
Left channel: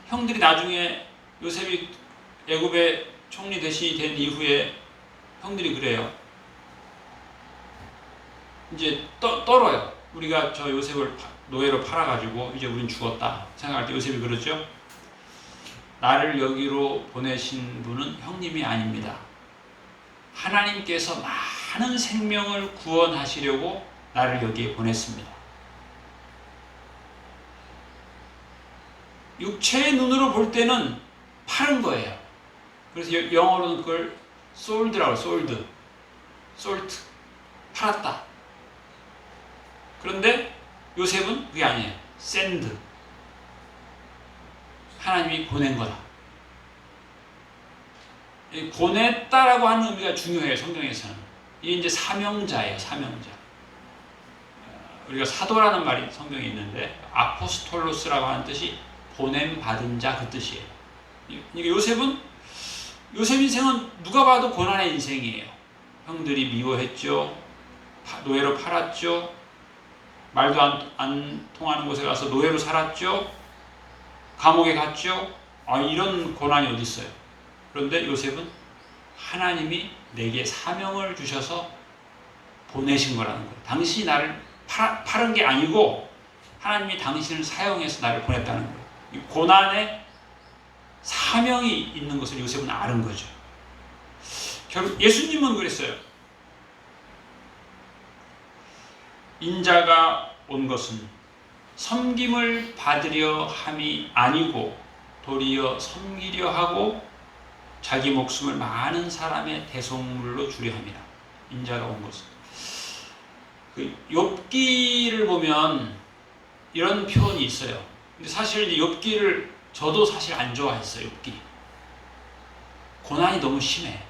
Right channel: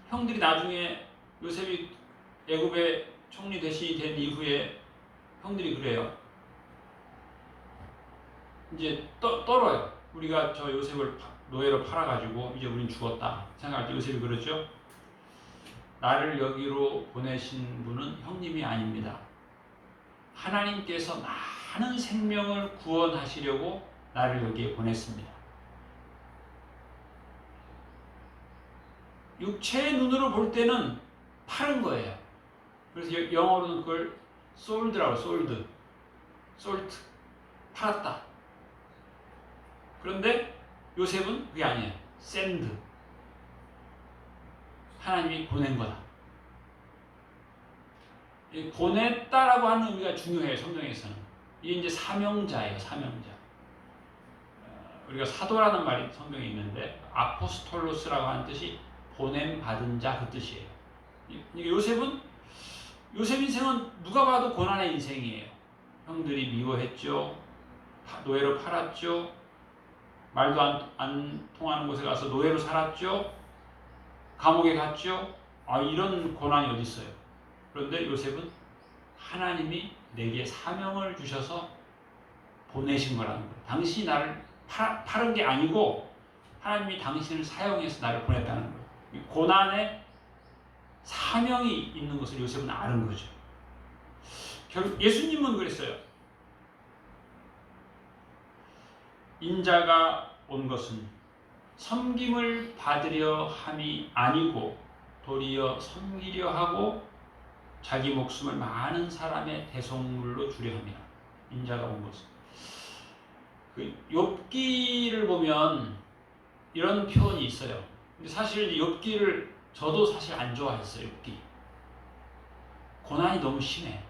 형들이 나중에 요셉이 애굽의 총리 대신이 된 이후에 형들이 그래요. 이제 떨어요. 우리가 저 요셉을 노예로 팔아가지고 이제 우린 죽었다 생각할 때 요셉이 그러죠. 나를 여기로 보내신 분은 형님이 아닙니다. 하나님께서 많은 생명을 구원하시려고 나를 여기에 보냈습니다. 육체의 눈으로 볼 때는 파는 거예요. 그래서 영어로는 그걸 sold라고 sold, 팔았다. 그런데 요셉은 그게 아니에요. send. 하나님이 보낸 거다. 보냈다라고 하는 의미가 중요해요. 성경에서는. 이게 이제 사명자예요. 사명자. 우리가 사도라는 말이 성경에 있는데 아포스톨로스라고 하는 뜻이 보냄받은 자 그 뜻이에요. 그러니까 요셉 인생은 누가 봐도 고난의 인생이에요. 형들이 미워했죠. 노예로 팔았죠. 말도 안 통하는 곳에 가서 노예로 살았죠. 감옥에 갔죠. 이런 고난이 어디 있어요. 그런데 요셉은 하나님이 내게 사명을 주셔서 보내신 거라는 거예요. 당신이 나를 팔은 게 아니고 하나님이 당신을 사용해서 나를 보냈다는 거예요. 이 고난에 사명이 있는 것을 요셉은 아는 거죠. 결국 예수님은 그랬어요. 인자가 온 것은 섬김을 받으려 함이 아니고 도리어 섬기려 하고 자기 목숨을 많은 사람의 대속물로 주려 함이라. 인자가 온 것은. 욥기를 보면 이런 표현이 있어요. 근데 사실 욥기를 저도 사실 안 좋아했어요. 욥기. 고난이 너무 심해.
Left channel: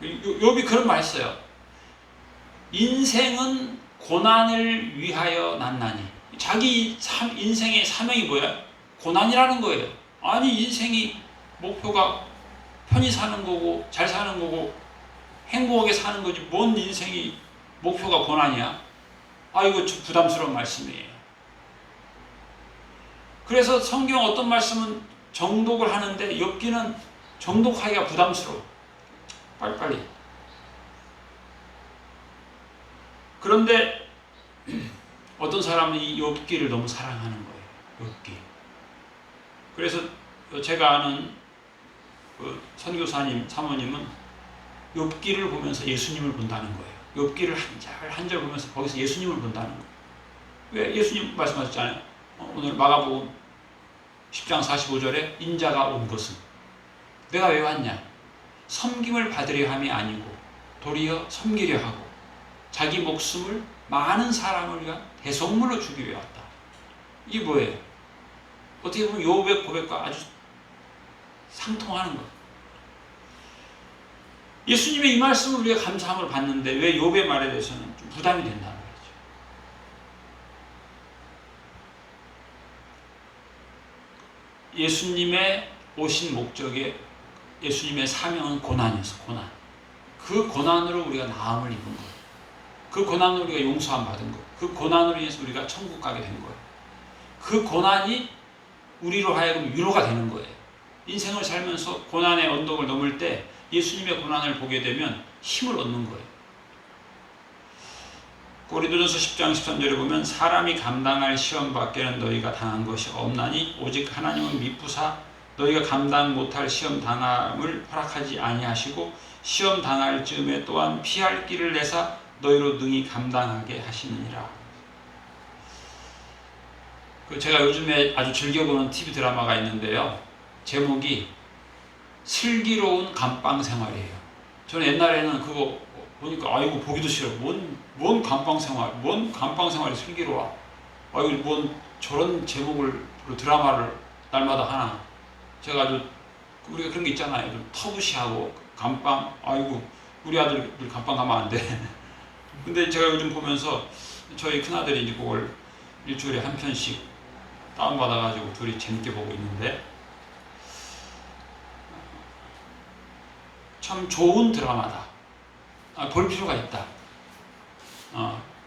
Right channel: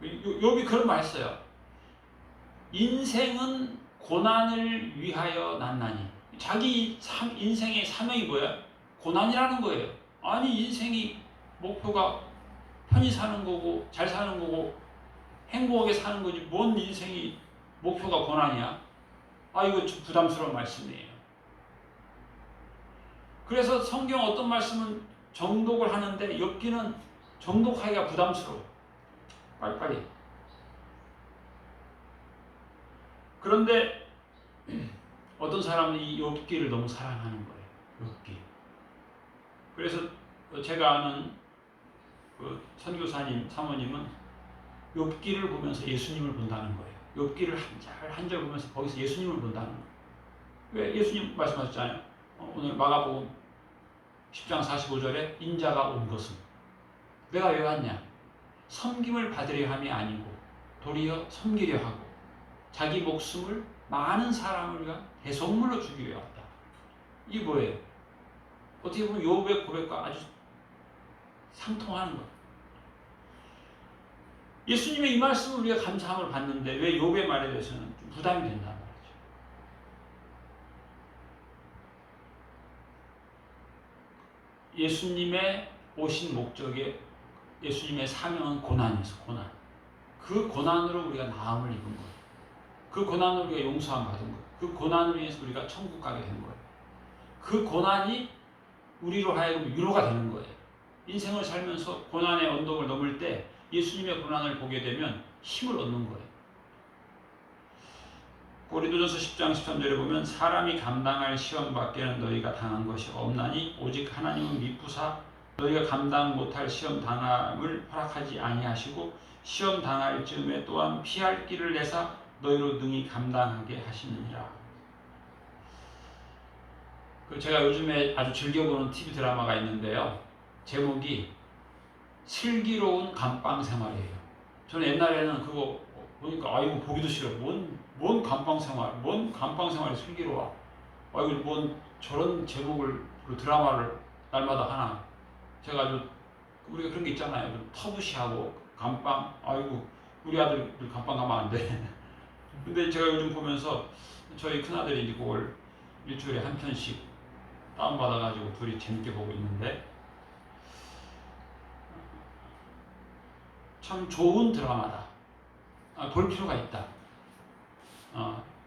욥이 그런 말 했어요. 인생은 고난을 위하여 났나니. 자기 인생의 사명이 뭐야? 고난이라는 거예요. 아니, 인생이 목표가 편히 사는 거고 잘 사는 거고 행복하게 사는 거지 뭔 인생이 목표가 고난이야? 이거 좀 부담스러운 말씀이에요. 그래서 성경 어떤 말씀은 정독을 하는데 욥기는 정독하기가 부담스러워. 빨리빨리. 그런데 어떤 사람은 이 욥기를 너무 사랑하는 거예요. 욥기. 그래서 제가 아는 그 선교사님, 사모님은 욥기를 보면서 예수님을 본다는 거예요. 욥기를 한 절 보면서 거기서 예수님을 본다는 거예요. 왜 예수님 말씀하셨잖아요. 오늘 마가복음 10장 45절에 인자가 온 것은 내가 왜 왔냐? 섬김을 받으려 함이 아니고 도리어 섬기려 하고 자기 목숨을 많은 사람을 위한 대속물로 주기 위해 왔다. 이게 뭐예요? 어떻게 보면 욥의 고백과 아주 상통하는 것. 예수님의 이 말씀을 우리가 감사함을 받는데 왜 욥의 말에 대해서는 좀 부담이 된다는 거죠. 예수님의 오신 목적에 예수님의 사명은 고난이었어. 고난. 그 고난으로 우리가 나음을 입은 거예요. 그 고난으로 우리가 용서함 받은 거예요. 그 고난으로 인해서 우리가 천국 가게 된 거예요. 그 고난이 우리로 하여금 위로가 되는 거예요. 인생을 살면서 고난의 언덕을 넘을 때 예수님의 고난을 보게 되면 힘을 얻는 거예요. 고린도전서 10장 13절에 보면 사람이 감당할 시험 밖에는 너희가 당한 것이 없나니 오직 하나님은 미쁘사 너희가 감당 못할 시험 당함을 허락하지 아니하시고 시험 당할 즈음에 또한 피할 길을 내사 너희로 능히 감당하게 하시느니라. 제가 요즘에 아주 즐겨보는 TV 드라마가 있는데요. 제목이 슬기로운 감방 생활이에요. 저는 옛날에는 그거 보니까 아이고 보기도 싫어. 뭔 감방 생활, 뭔 감방 생활이 슬기로워. 아이고 뭔 저런 제목을 드라마를 날마다 하나. 제가 아주 우리가 그런 게 있잖아요. 좀 터부시하고 감방. 아이고 우리 아들 감방 가면 안 돼. 근데 제가 요즘 보면서 저희 큰아들이 이제 그걸 일주일에 한 편씩 다운받아가지고 둘이 재밌게 보고 있는데 참 좋은 드라마다. 볼 필요가 있다.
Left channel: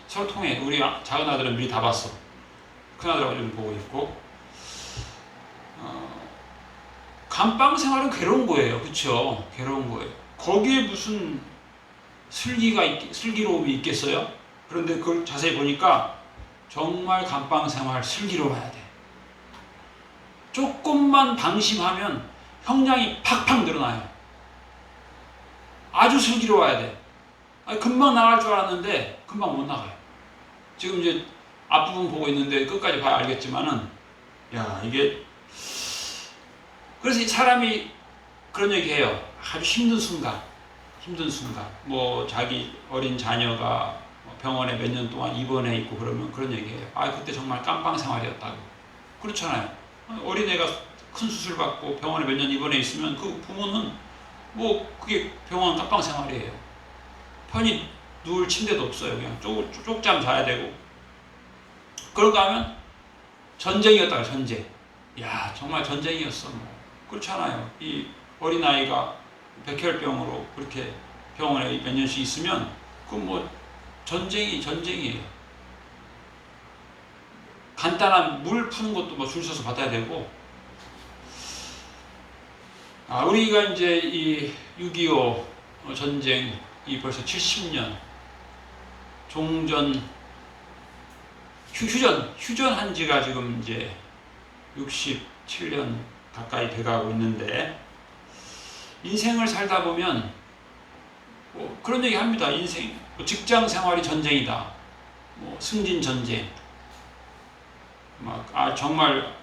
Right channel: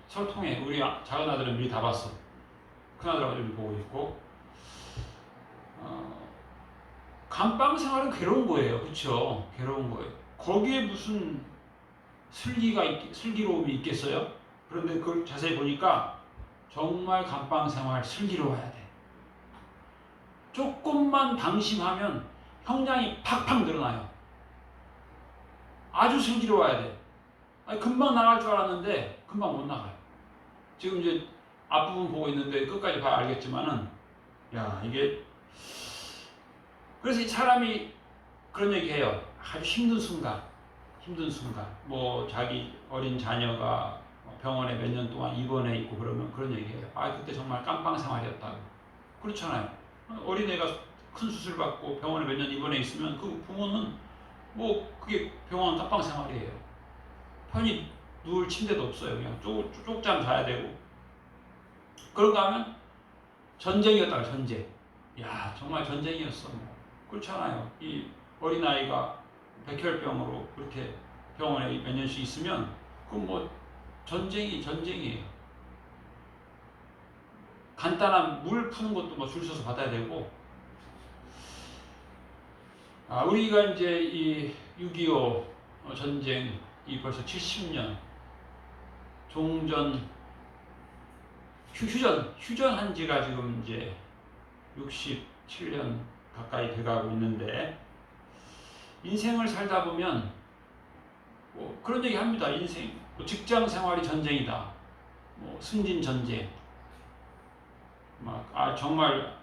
서로 통해. 우리 작은 아들은 미리 다 봤어. 큰 아들하고 좀 보고 있고. 감방 생활은 괴로운 거예요. 그렇죠? 괴로운 거예요. 거기에 무슨 슬기로움이 있겠어요? 그런데 그걸 자세히 보니까 정말 감방 생활 슬기로워야 돼. 조금만 방심하면 형량이 팍팍 늘어나요. 아주 슬기로워야 돼. 금방 나갈 줄 알았는데 금방 못 나가요. 지금 이제 앞부분 보고 있는데 끝까지 봐야 알겠지만은 야 이게 그래서 이 사람이 그런 얘기해요. 아주 힘든 순간 뭐 자기 어린 자녀가 병원에 몇 년 동안 입원해 있고 그러면 그런 얘기해요. 그때 정말 깜빵 생활이었다고. 그렇잖아요. 어린애가 큰 수술 받고 병원에 몇 년 입원해 있으면 그 부모는 뭐 그게 병원 깜빵 생활이에요. 편히 누울 침대도 없어요. 그냥 쪽잠 자야 되고. 그런가 하면 전쟁이었다가 전쟁. 야 정말 전쟁이었어. 뭐. 그렇잖아요. 이 어린아이가 백혈병으로 그렇게 병원에 몇 년씩 있으면 그건 뭐 전쟁이에요. 간단한 물 푸는 것도 뭐 줄 서서 받아야 되고. 우리가 이제 이 6.25 전쟁이 벌써 70년 종전 휴전한 지가 지금 이제 67년 가까이 돼가고 있는데 인생을 살다 보면 뭐 그런 얘기 합니다. 인생 뭐 직장 생활이 전쟁이다. 뭐 승진 전쟁. 정말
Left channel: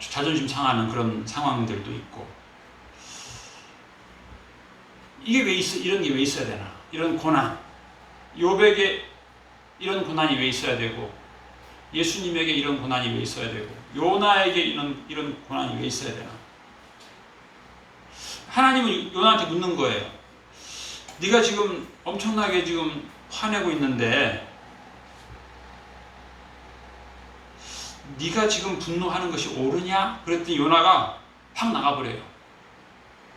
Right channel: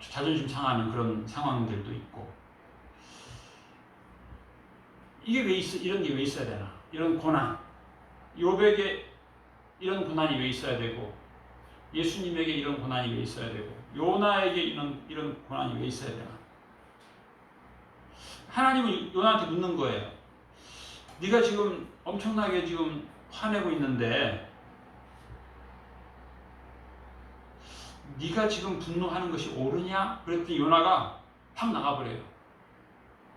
자존심 상하는 그런 상황들도 있고. 이게 이런 게 왜 있어야 되나? 이런 고난. 욥에게 이런 고난이 왜 있어야 되고, 예수님에게 이런 고난이 왜 있어야 되고, 요나에게 이런 고난이 왜 있어야 되나? 하나님은 요나한테 묻는 거예요. 네가 지금 엄청나게 지금 화내고 있는데 네가 지금 분노하는 것이 옳으냐? 그랬더니 요나가 확 나가버려요.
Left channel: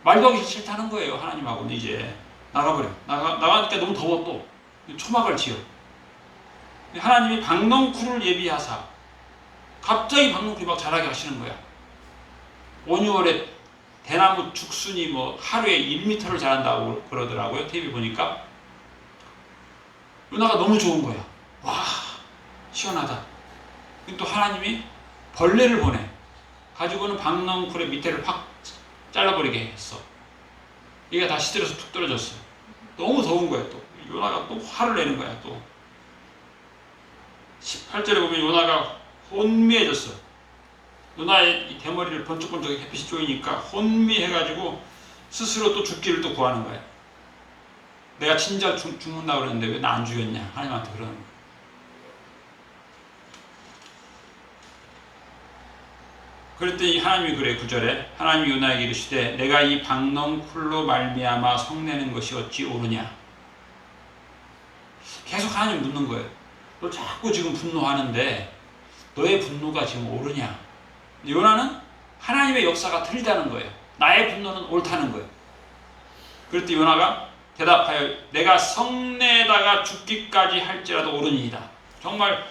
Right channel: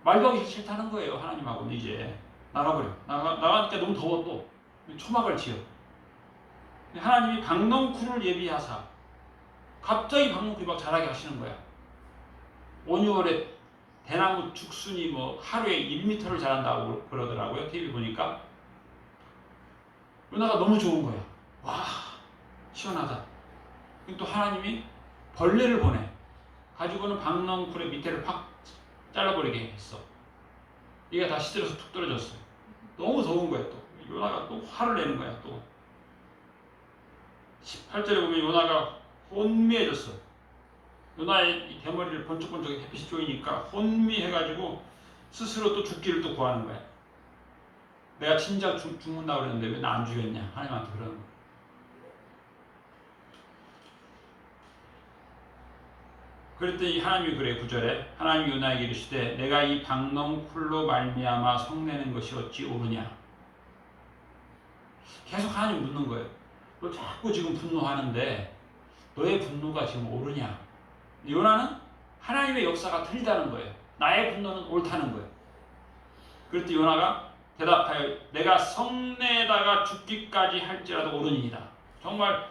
말도 하기 싫다는 거예요. 하나님하고는 이제 나가버려. 나가니까 너무 더워 또 초막을 지어. 하나님이 박넝쿨을 예비하사 갑자기 박넝쿨이 막 자라게 하시는 거야. 5, 6월에 대나무 죽순이 뭐 하루에 1m를 자란다고 그러더라고요. TV 보니까. 요나가 너무 좋은 거야. 와 시원하다. 또 하나님이 벌레를 보내 가지고는 박넝쿨의 밑에를 확 잘라버리게 했어. 얘가 다 시들어서 툭 떨어졌어. 너무 더운 거야. 또 요나가 또 화를 내는 거야. 또 18절에 보면 요나가 혼미해졌어. 요나의 이 대머리를 번쩍번쩍 햇빛이 쪼이니까 혼미해가지고 스스로 또 죽기를 또 구하는 거야. 내가 진짜 죽는다고 그러는데 왜 나 안 죽였냐? 하나님한테 그러는 거야. 그랬더니 하나님이 그래 9절에 하나님이 요나에게 이르시되 내가 이 박농쿨로 말미암아 성내는 것이 어찌 옳으냐. 계속 하나님 묻는 거예요. 너 자꾸 지금 분노하는데 너의 분노가 지금 옳으냐. 요나는 하나님의 역사가 틀리다는 거예요. 나의 분노는 옳다는 거예요. 그랬더니 요나가 대답하여 내가 성내다가 죽기까지 할지라도 옳으니이다. 정말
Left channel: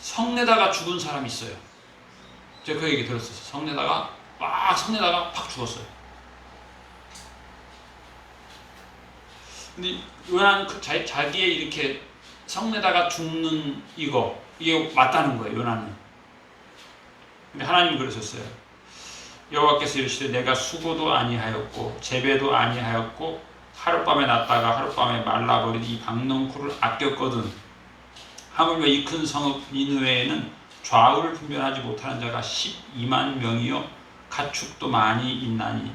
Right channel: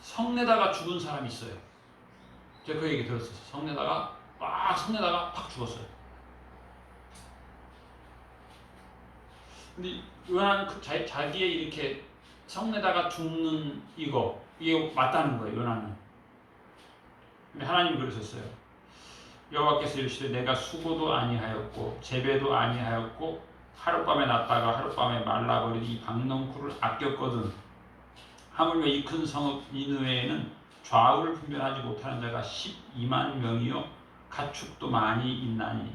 성내다가 죽은 사람이 있어요. 제가 그 얘기 들었어요. 성내다가 팍 죽었어요. 근데 요나는 자기의 이렇게 성내다가 죽는 이게 맞다는 거예요. 요나는. 근데 하나님이 그러셨어요. 여호와께서 이르시되 내가 수고도 아니하였고 재배도 아니하였고 하룻밤에 났다가 하룻밤에 말라버린 이 박농쿨을 아꼈거든. 하물며 이 큰 성읍 니느웨에는 좌우를 분별하지 못하는 자가 12만 명이요 가축도 많이 있나니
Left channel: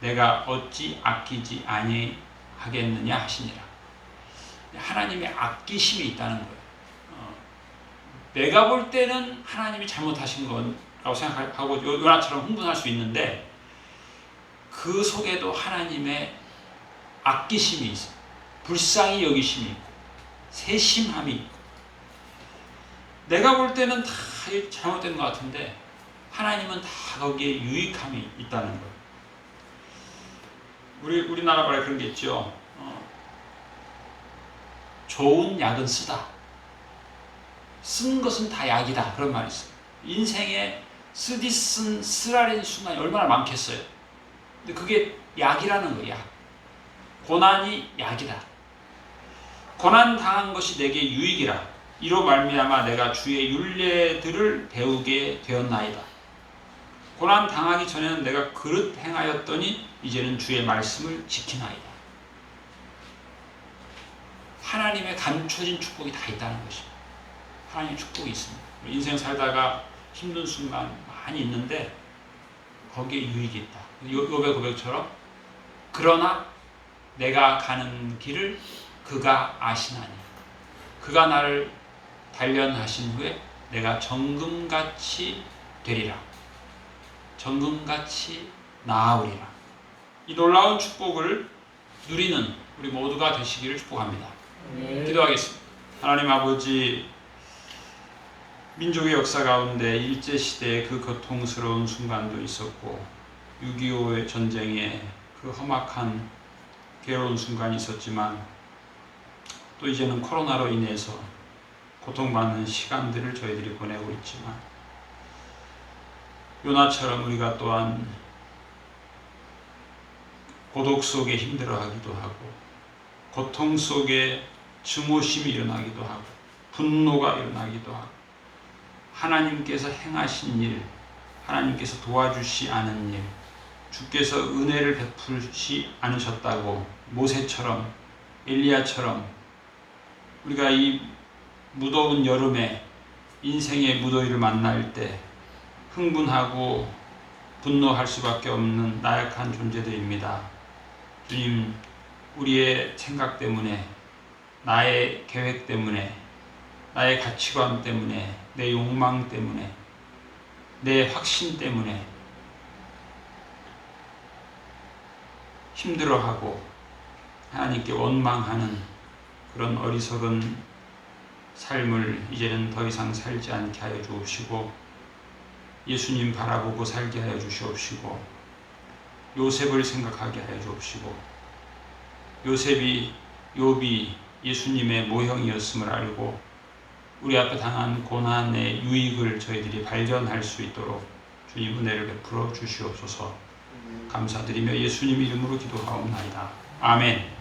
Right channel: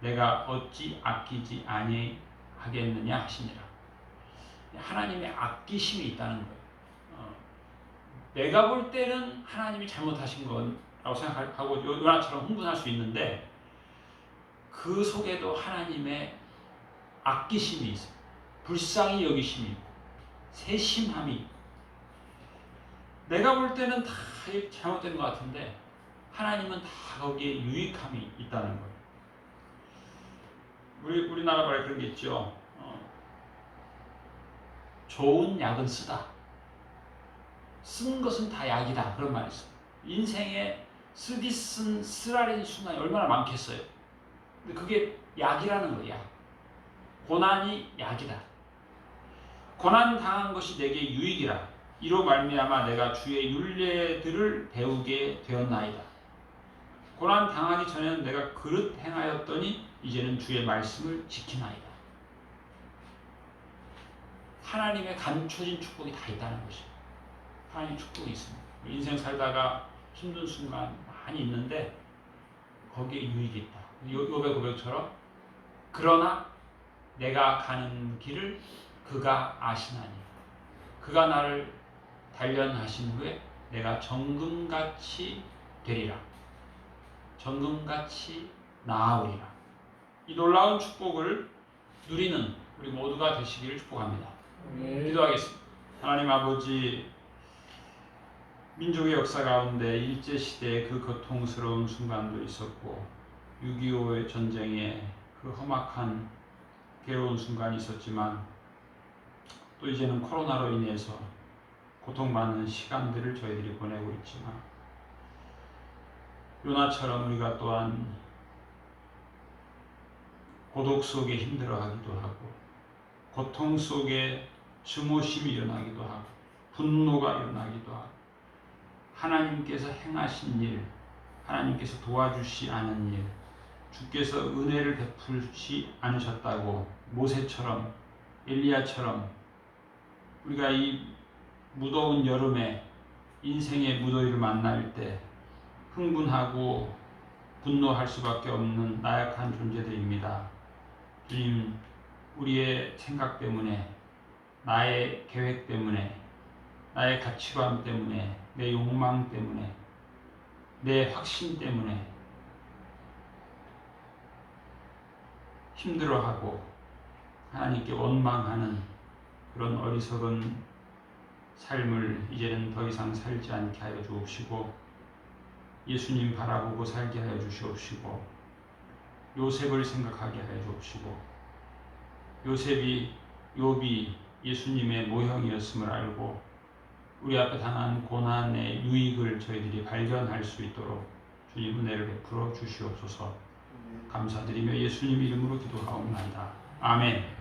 내가 어찌 아끼지 아니하겠느냐 하시니라. 하나님의 아끼심이 있다는 거예요. 내가 볼 때는 하나님이 잘못하신 거라고 생각하고 요나처럼 흥분할 수 있는데 그 속에도 하나님의 아끼심이 있어요. 불쌍히 여기심이 있고 세심함이 있고 내가 볼 때는 다 잘못된 것 같은데 하나님은 다 거기에 유익함이 있다는 거예요. 우리나라 말에 그런 게 있죠. 좋은 약은 쓰다. 쓴 것은 다 약이다. 그런 말이 있어요. 인생에 쓰라린 순간이 얼마나 많겠어요. 근데 그게 약이라는 거예요. 약. 고난이 약이다. 고난 당한 것이 내게 유익이라. 이로 말미암아 내가 주의 율례들을 배우게 되었나이다. 고난 당하기 전에는 내가 그릇 행하였더니 이제는 주의 말씀을 지키나이다. 하나님의 감춰진 축복이 다 있다는 것입니다. 하나님의 축복이 있습니다. 인생 살다가 힘든 순간 많이 있는데 거기에 유익이 있다. 욥의 고백처럼 그러나 내가 가는 길을 그가 아시나니 그가 나를 단련하신 후에 내가 정금같이 되리라. 정금같이 나아오리라. 이 놀라운 축복을 누리는 우리 모두가 되시기를 축복합니다. 기도하겠습니다. 하나님 아버지, 민족의 역사 가운데 일제시대의 그 고통스러운 순간도 있었고 6.25의 전쟁의 그 험악한 괴로운 순간이 있었지만 또 이제는 코로나로 인해서 고통받는 시간들을 저희들이 보내고 있지만 요나처럼 우리가 또한 고독 속에 힘들어하기도 하고 고통 속에 증오심이 일어나기도 하고 분노가 일어나기도 하고 하나님께서 행하신 일, 하나님께서 도와주시 않은 일, 주께서 은혜를 베풀지 않으셨다고 모세처럼 엘리야처럼 우리가 이 무더운 여름에 인생의 무더위를 만날 때 흥분하고 분노할 수밖에 없는 나약한 존재들입니다. 주님, 우리의 생각 때문에, 나의 계획 때문에, 나의 가치관 때문에, 내 욕망 때문에, 내 확신 때문에 힘들어하고 하나님께 원망하는 그런 어리석은 삶을 이제는 더 이상 살지 않게 하여 주옵시고 예수님 바라보고 살게 하여 주시옵시고 요셉을 생각하게 하여 주옵시고 욥이 예수님의 모형이었음을 알고 우리 앞에 당한 고난의 유익을 저희들이 발견할 수 있도록 주님 은혜를 베풀어 주시옵소서. 감사드리며 예수님 이름으로 기도하옵나이다. 아멘.